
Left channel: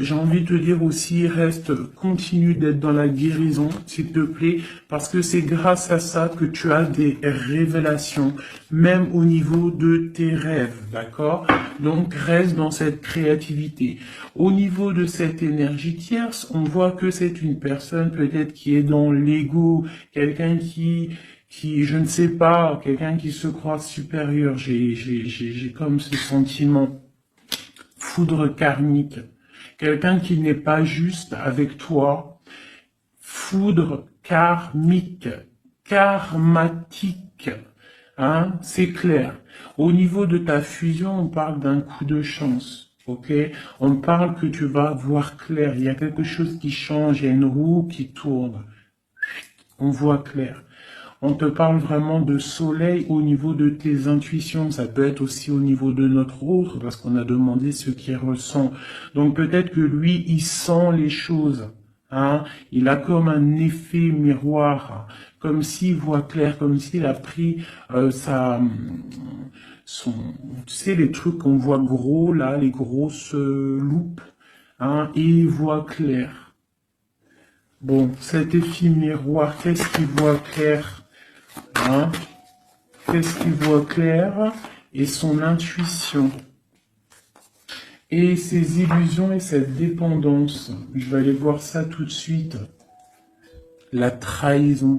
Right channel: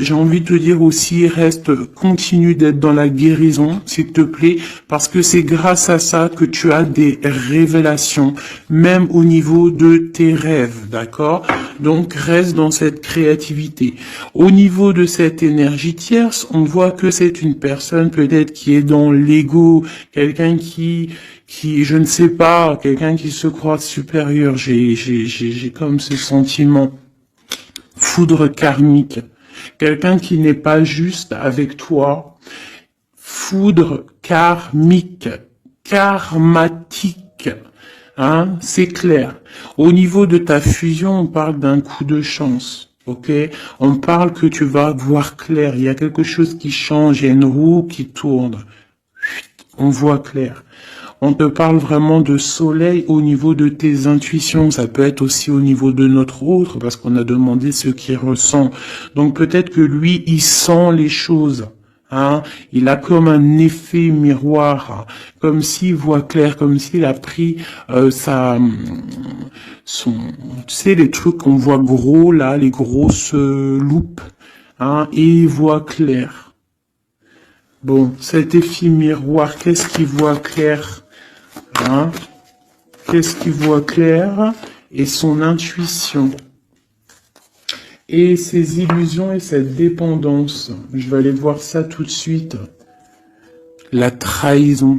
j'ai envie de te dire aussi, continue d'être dans la guérison, s'il te plaît, parce que c'est grâce à ça que tu as des révélations, même au niveau de tes rêves, d'accord? Donc, reste dans cette créativité. Au niveau de cette énergie tierce, on voit que c'est une personne peut-être qui est dans l'ego, quelqu'un qui, je ne sais pas, quelqu'un qui se croit supérieur. J'ai comme ce sentiment. Foudre karmique. Quelqu'un qui n'est pas juste avec toi. Foudre karmique. Karmatique. Hein, c'est clair. Au niveau de ta fusion, on parle d'un coup de chance. Ok? On parle que tu vas voir clair. Il y a quelque chose qui change. Il y a une roue qui tourne. On voit clair. On te parle vraiment de soleil au niveau de tes intuitions. Ça peut être aussi au niveau de notre autre, parce qu'on a demandé ce qu'il ressent. Donc peut-être que lui, il sent les choses. Hein, il a comme un effet miroir, comme s'il voit clair, comme s'il a pris tu sais, les trucs qu'on voit gros là, les grosses loupes, hein, et il voit clair. Bon, cet effet miroir, qu'est-ce qu'il voit clair? Hein? Qu'est-ce qu'il voit clair? Et son intuition. Et ses illusions et cette dépendance. Je vais aller voir ça tout de suite. La trahison.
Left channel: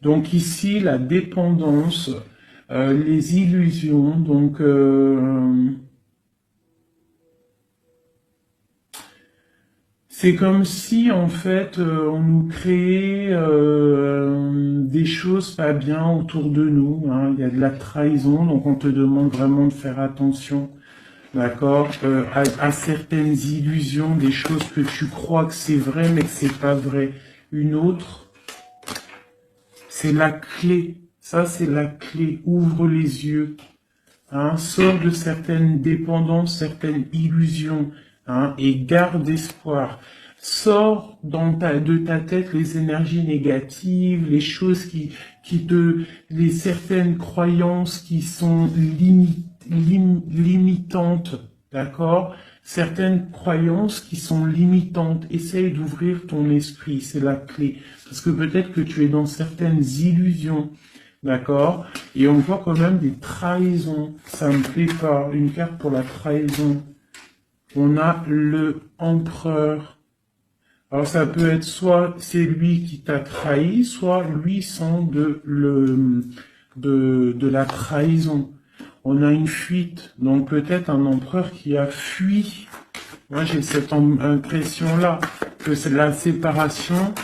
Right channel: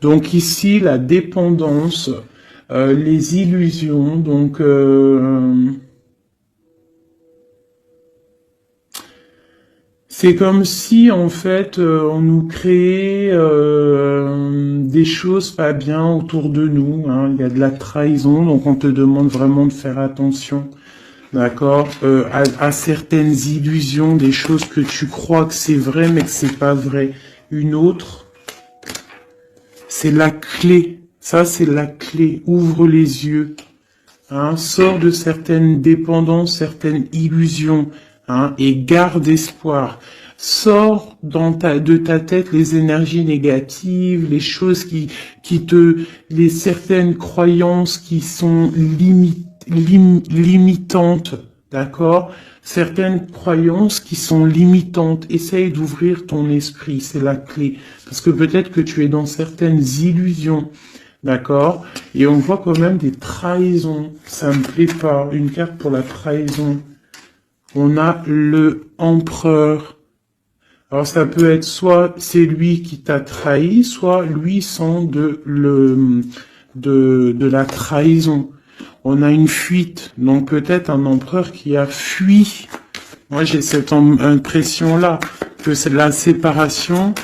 Donc ici, la dépendance, les illusions, donc... c'est comme si, en fait, on nous créait des choses pas bien autour de nous. Hein. Il y a de la trahison, donc on te demande vraiment de faire attention. D'accord, à certaines illusions, des choses que tu crois que c'est vrai, mais que c'est pas vrai. Une autre, c'est la clé. Ça, c'est la clé. Ouvre les yeux. Hein, sors de certaines dépendances, certaines illusions. Hein, et garde espoir. Sors de ta tête les énergies négatives, les choses les certaines croyances qui sont limitantes, d'accord? Certaines croyances qui sont limitantes. Essaye d'ouvrir ton esprit, c'est la clé. Parce que peut-être que tu es dans certaines illusions, d'accord? Et on voit quand même des trahisons. Ça me plaît pas. Une carte pour la trahison. On a le empereur. Alors ça peut être soit c'est lui qui t'a trahi, soit lui sent de la trahison. On a une fuite, donc peut-être un empereur qui a fui. Moi j'ai cette impression-là, que c'est de la séparation,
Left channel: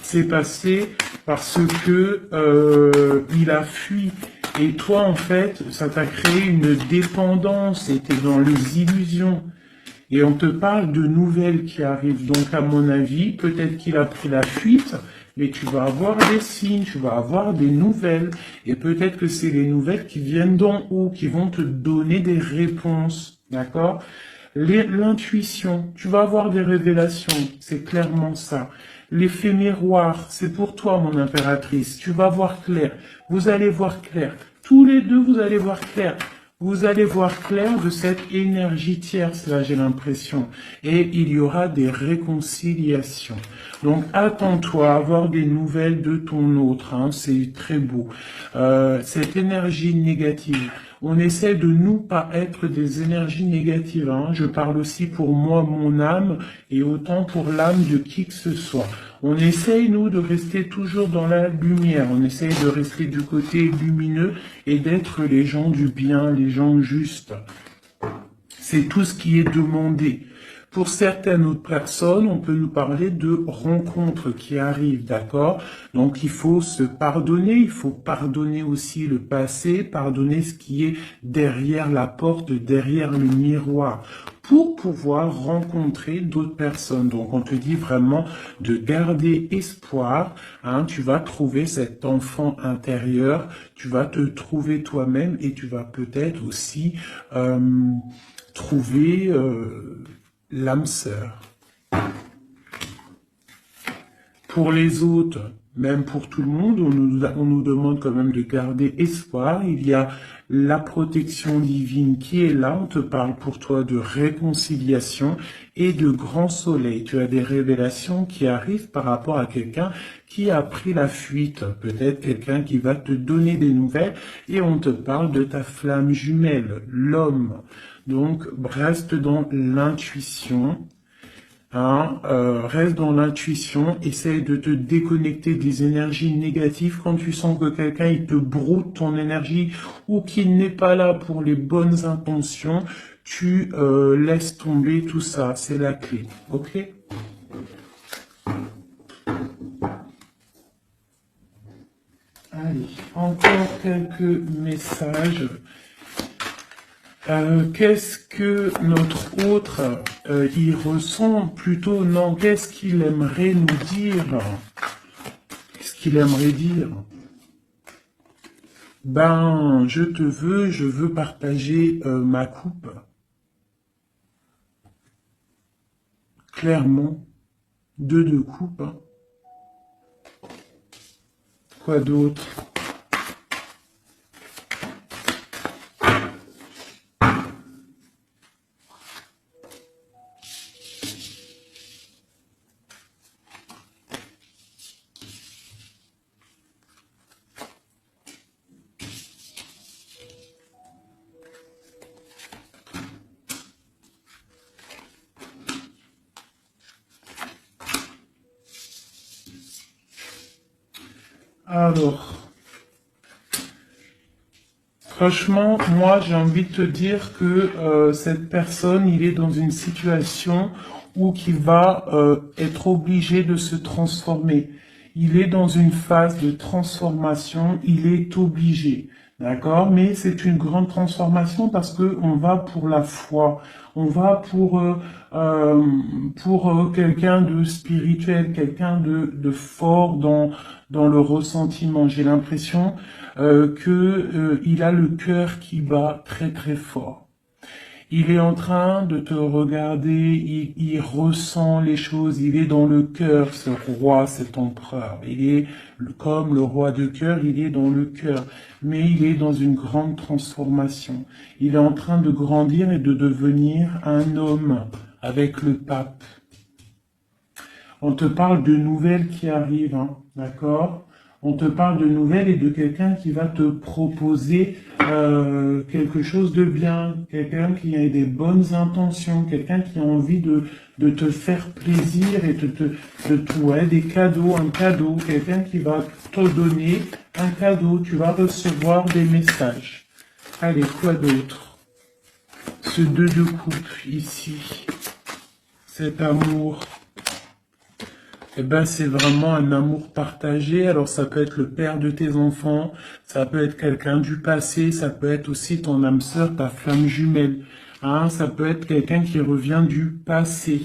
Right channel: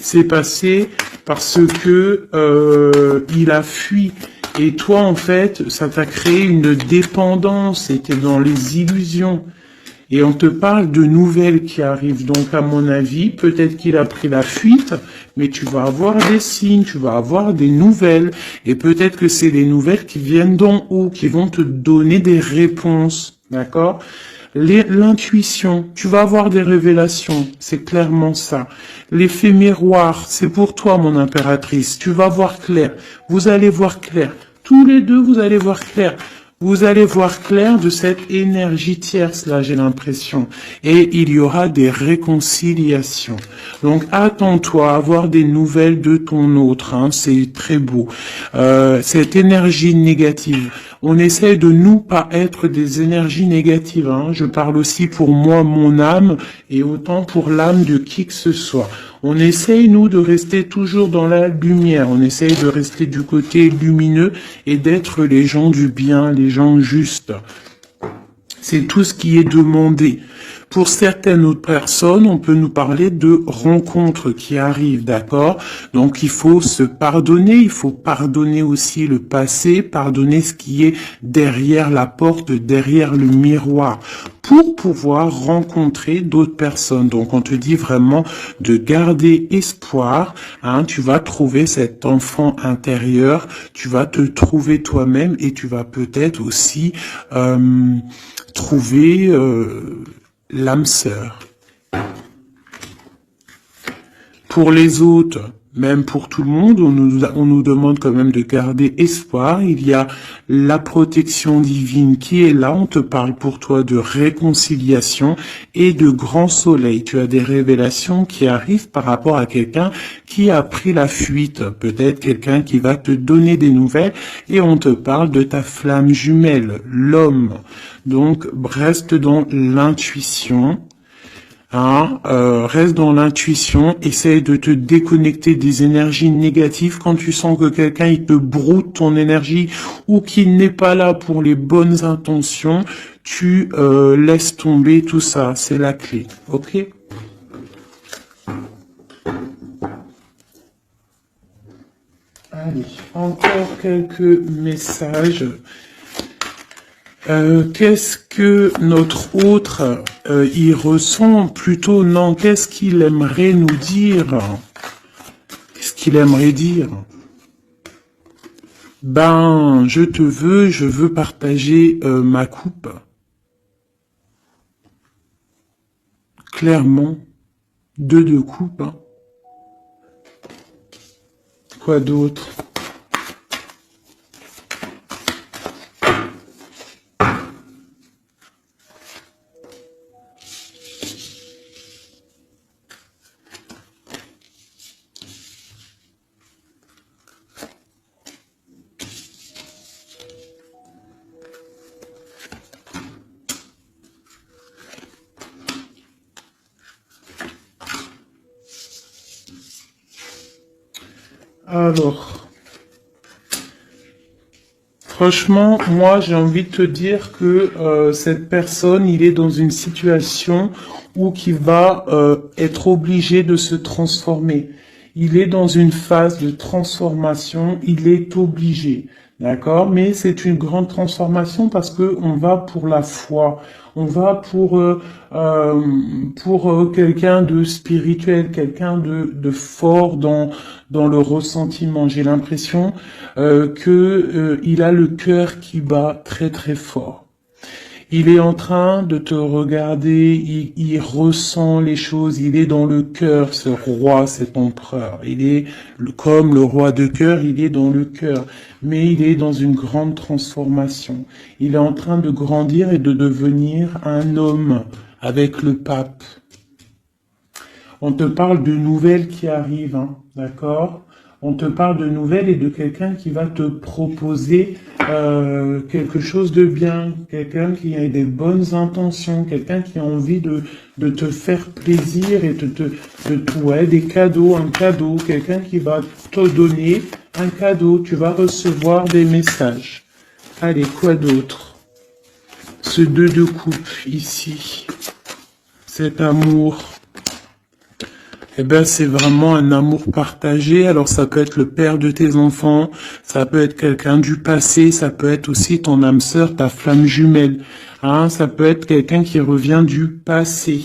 c'est passé parce que il a fui. Et toi en fait, ça t'a créé une dépendance, c'était dans les illusions. Et on te parle de nouvelles qui arrivent. Donc, à mon avis, peut-être qu'il a pris la fuite, mais tu vas avoir des signes, tu vas avoir des nouvelles. Et peut-être que c'est des nouvelles qui viennent d'en haut, qui vont te donner des réponses. D'accord? L'intuition, tu vas avoir des révélations. C'est clairement ça. L'effet miroir, c'est pour toi, mon impératrice. Tu vas voir clair. Vous allez voir clair. Tous les deux, vous allez voir clair. Vous allez voir clair de cette énergie tierce, là, j'ai l'impression. Et il y aura des réconciliations. Donc, attends-toi à avoir des nouvelles de ton autre. Hein, c'est très beau. Cette énergie négative. on essaie de nous pas être des énergies négatives. Hein. Je parle aussi pour moi, mon âme, et autant pour l'âme de qui que ce soit. On essaye, nous, de rester toujours dans la lumière. On essaye de rester du côté lumineux et d'être les gens du bien, les gens justes. C'est tout ce qui est demandé. Pour certaines autres personnes, on peut nous parler de rencontres qui arrivent, d'accord? Donc il faut se pardonner, il faut pardonner aussi le passé, pardonner ce qui est derrière la porte, derrière le miroir, pour pouvoir rencontrer d'autres personnes. Donc on te dit vraiment de garder espoir, hein, tu vas trouver cet enfant intérieur, tu vas te trouver toi-même et tu vas peut-être aussi trouver l'âme sœur. Pour les autres, même pour tout le monde, on nous demande quand même de garder espoir. Il y a la protection divine qui est là. On te parle pour toi de réconciliation et de grand soleil. Tu as des révélations qui arrivent par rapport à quelqu'un qui a pris la fuite. Peut-être quelqu'un qui va te donner des nouvelles et on te parle de ta flamme jumelle, l'homme. Donc, reste dans l'intuition. Hein, reste dans l'intuition, essaye de te déconnecter des énergies négatives quand tu sens que quelqu'un il te broute ton énergie ou qu'il n'est pas là pour les bonnes intentions, tu laisses tomber tout ça, c'est la clé, ok? Allez, encore quelques messages. Qu'est-ce que notre autre y ressent? Plutôt non, qu'est-ce qu'il aimerait nous dire? Qu'est-ce qu'il aimerait dire? Ben, je veux partager ma coupe. Clairement, deux coupes. Hein. Quoi d'autre? Alors, franchement, moi, j'ai envie de te dire que cette personne, il est dans une situation où il va être obligé de se transformer. Il est dans une phase de transformation, il est obligé. D'accord? Mais c'est une grande transformation parce que on va pour la foi. On va pour quelqu'un de spirituel, quelqu'un de fort dans le ressentiment. J'ai l'impression que il a le cœur qui bat très très fort. Il est en train de te regarder, il ressent les choses, il est dans le cœur, ce roi, cet empereur. Il est comme le roi de cœur, il est dans le cœur, mais il est dans une grande transformation. Il est en train de grandir et de devenir un homme avec le pape. On te parle de nouvelles qui arrivent, hein, d'accord? On te parle de nouvelles et de quelqu'un qui va te proposer quelque chose de bien, quelqu'un qui a des bonnes intentions, quelqu'un qui a envie de te faire plaisir et ouais, des cadeaux, un cadeau, quelqu'un qui va te donner un cadeau, tu vas recevoir des messages. Allez, quoi d'autre? Ce deux de coupe ici, cet amour. Eh ben, c'est vraiment un amour partagé. Alors, ça peut être le père de tes enfants, ça peut être quelqu'un du passé, ça peut être aussi ton âme sœur, ta flamme jumelle. Hein, ça peut être quelqu'un qui revient du passé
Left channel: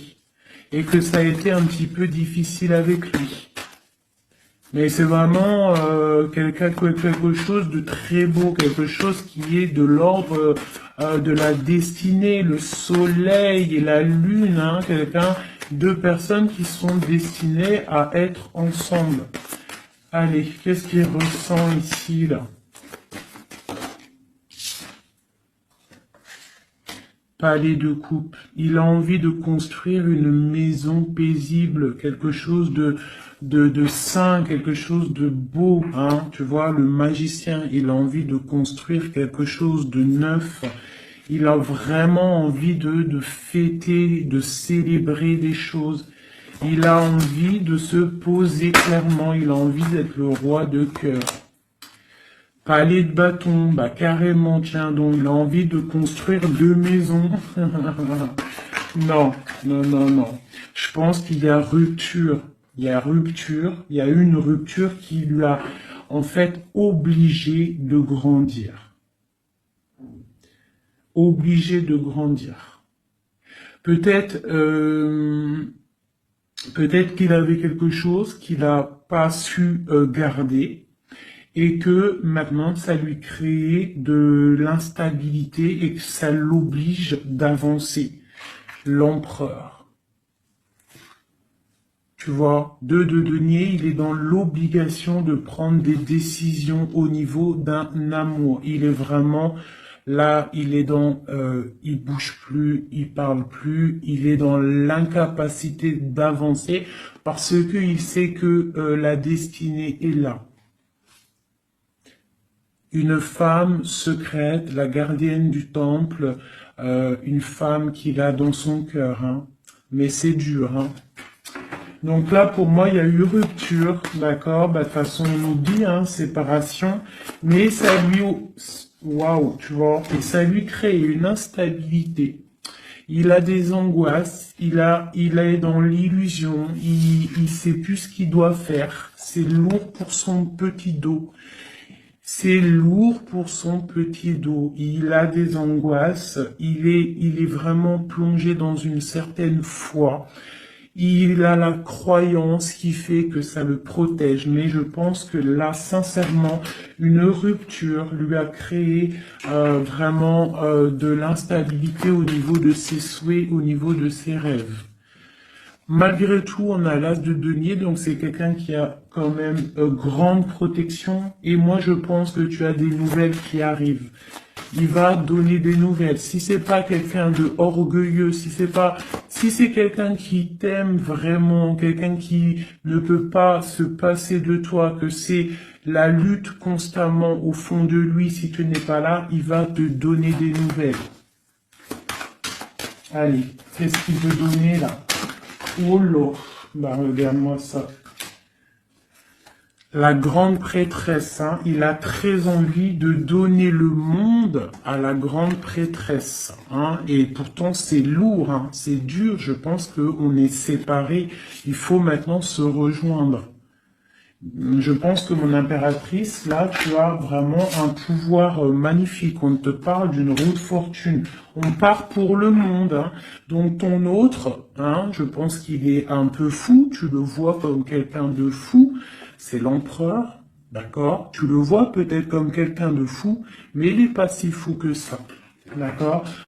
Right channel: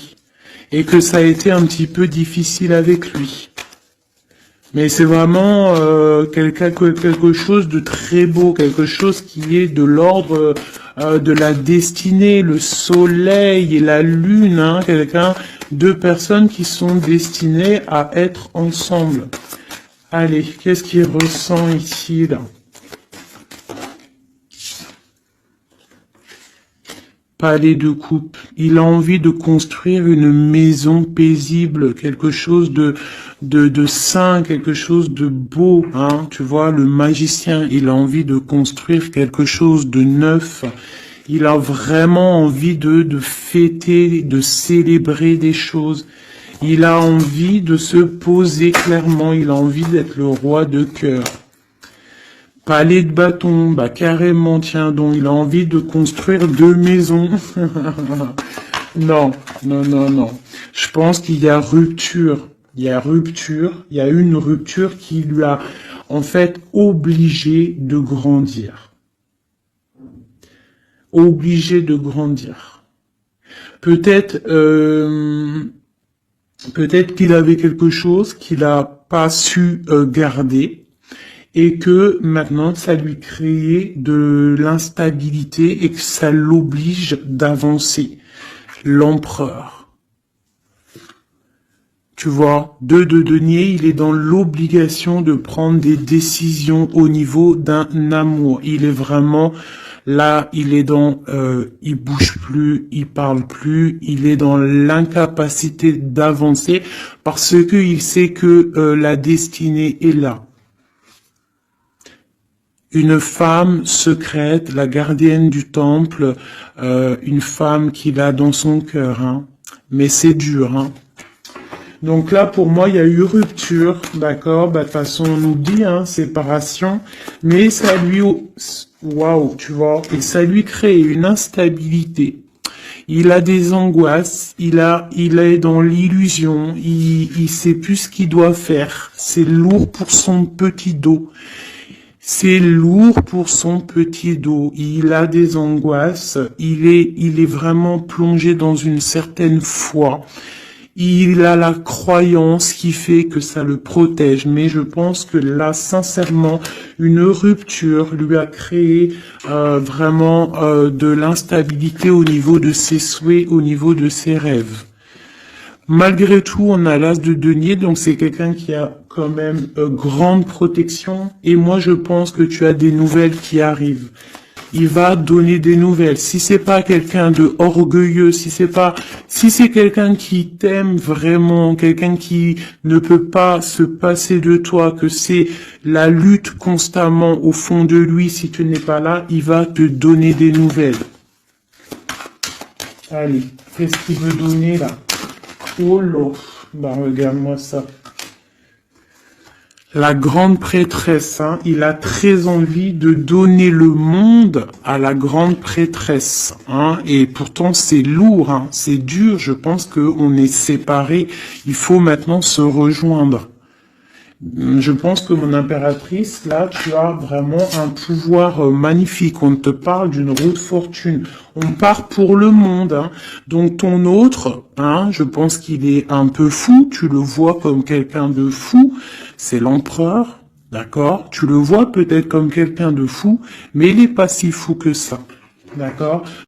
et que ça a été un petit peu difficile avec lui. Mais c'est vraiment quelque chose de très beau, quelque chose qui est de l'ordre de la destinée, le soleil et la lune, hein, deux personnes qui sont destinées à être ensemble. Allez, qu'est-ce qu'il ressent ici, là? Palais de coupe. Il a envie de construire une maison paisible, quelque chose de sain, quelque chose de beau, hein. Tu vois, le magicien, il a envie de construire quelque chose de neuf. Il a vraiment envie de fêter, de célébrer des choses. Il a envie de se poser clairement. Il a envie d'être le roi de cœur. Palais de bâton, bah carrément, tiens donc, il a envie de construire 2 maisons. Non, non, non, non. Je pense qu'il y a rupture. Il y a rupture. Il y a une rupture qui lui a, en fait, obligé de grandir. Obligé de grandir. Peut-être, peut-être qu'il avait quelque chose qu'il n'a pas su garder et que maintenant ça lui crée de l'instabilité et que ça l'oblige d'avancer. L'empereur. Tu vois, 2 de denier, il est dans l'obligation de prendre des décisions au niveau d'un amour. Il est vraiment là, il est dans, il bouge plus, il parle plus, il est dans l'incapacité d'avancer parce que il sait que la destinée est là. Une femme secrète, la gardienne du temple, une femme qu'il a dans son cœur, hein. Mais c'est dur, hein. Donc là, pour moi, il y a eu rupture, d'accord? Bah, de toute façon, on nous dit, hein, séparation, mais ça lui, waouh, tu vois, et ça lui crée une instabilité. Il a des angoisses, il est dans l'illusion, il sait plus ce qu'il doit faire. C'est lourd pour son petit dos. C'est lourd pour son petit dos. Il a des angoisses. Il est vraiment plongé dans une certaine foi. Il a la croyance qui fait que ça le protège. Mais je pense que là, sincèrement, une rupture lui a créé vraiment de l'instabilité au niveau de ses souhaits, au niveau de ses rêves. Malgré tout, on a l'as de denier, donc c'est quelqu'un qui a quand même grande protection. Et moi, je pense que tu as des nouvelles qui arrivent. Il va donner des nouvelles. Si c'est pas quelqu'un de orgueilleux, si c'est quelqu'un qui t'aime vraiment, quelqu'un qui ne peut pas se passer de toi, que c'est la lutte constamment au fond de lui, si tu n'es pas là, il va te donner des nouvelles. Allez, qu'est-ce qu'il veut donner là? Oh là, bah regarde-moi ça. La grande prêtresse, hein, il a très envie de donner le monde à la grande prêtresse, hein, et pourtant c'est lourd, hein, c'est dur, je pense qu'on est séparés, il faut maintenant se rejoindre. Je pense que mon impératrice, là, tu as vraiment un pouvoir magnifique. On te parle d'une roue de fortune. On part pour le monde, hein. Donc ton autre, hein, je pense qu'il est un peu fou. Tu le vois comme quelqu'un de fou. C'est l'empereur, d'accord? Tu le vois peut-être comme quelqu'un de fou, mais il n'est pas si fou que ça, d'accord?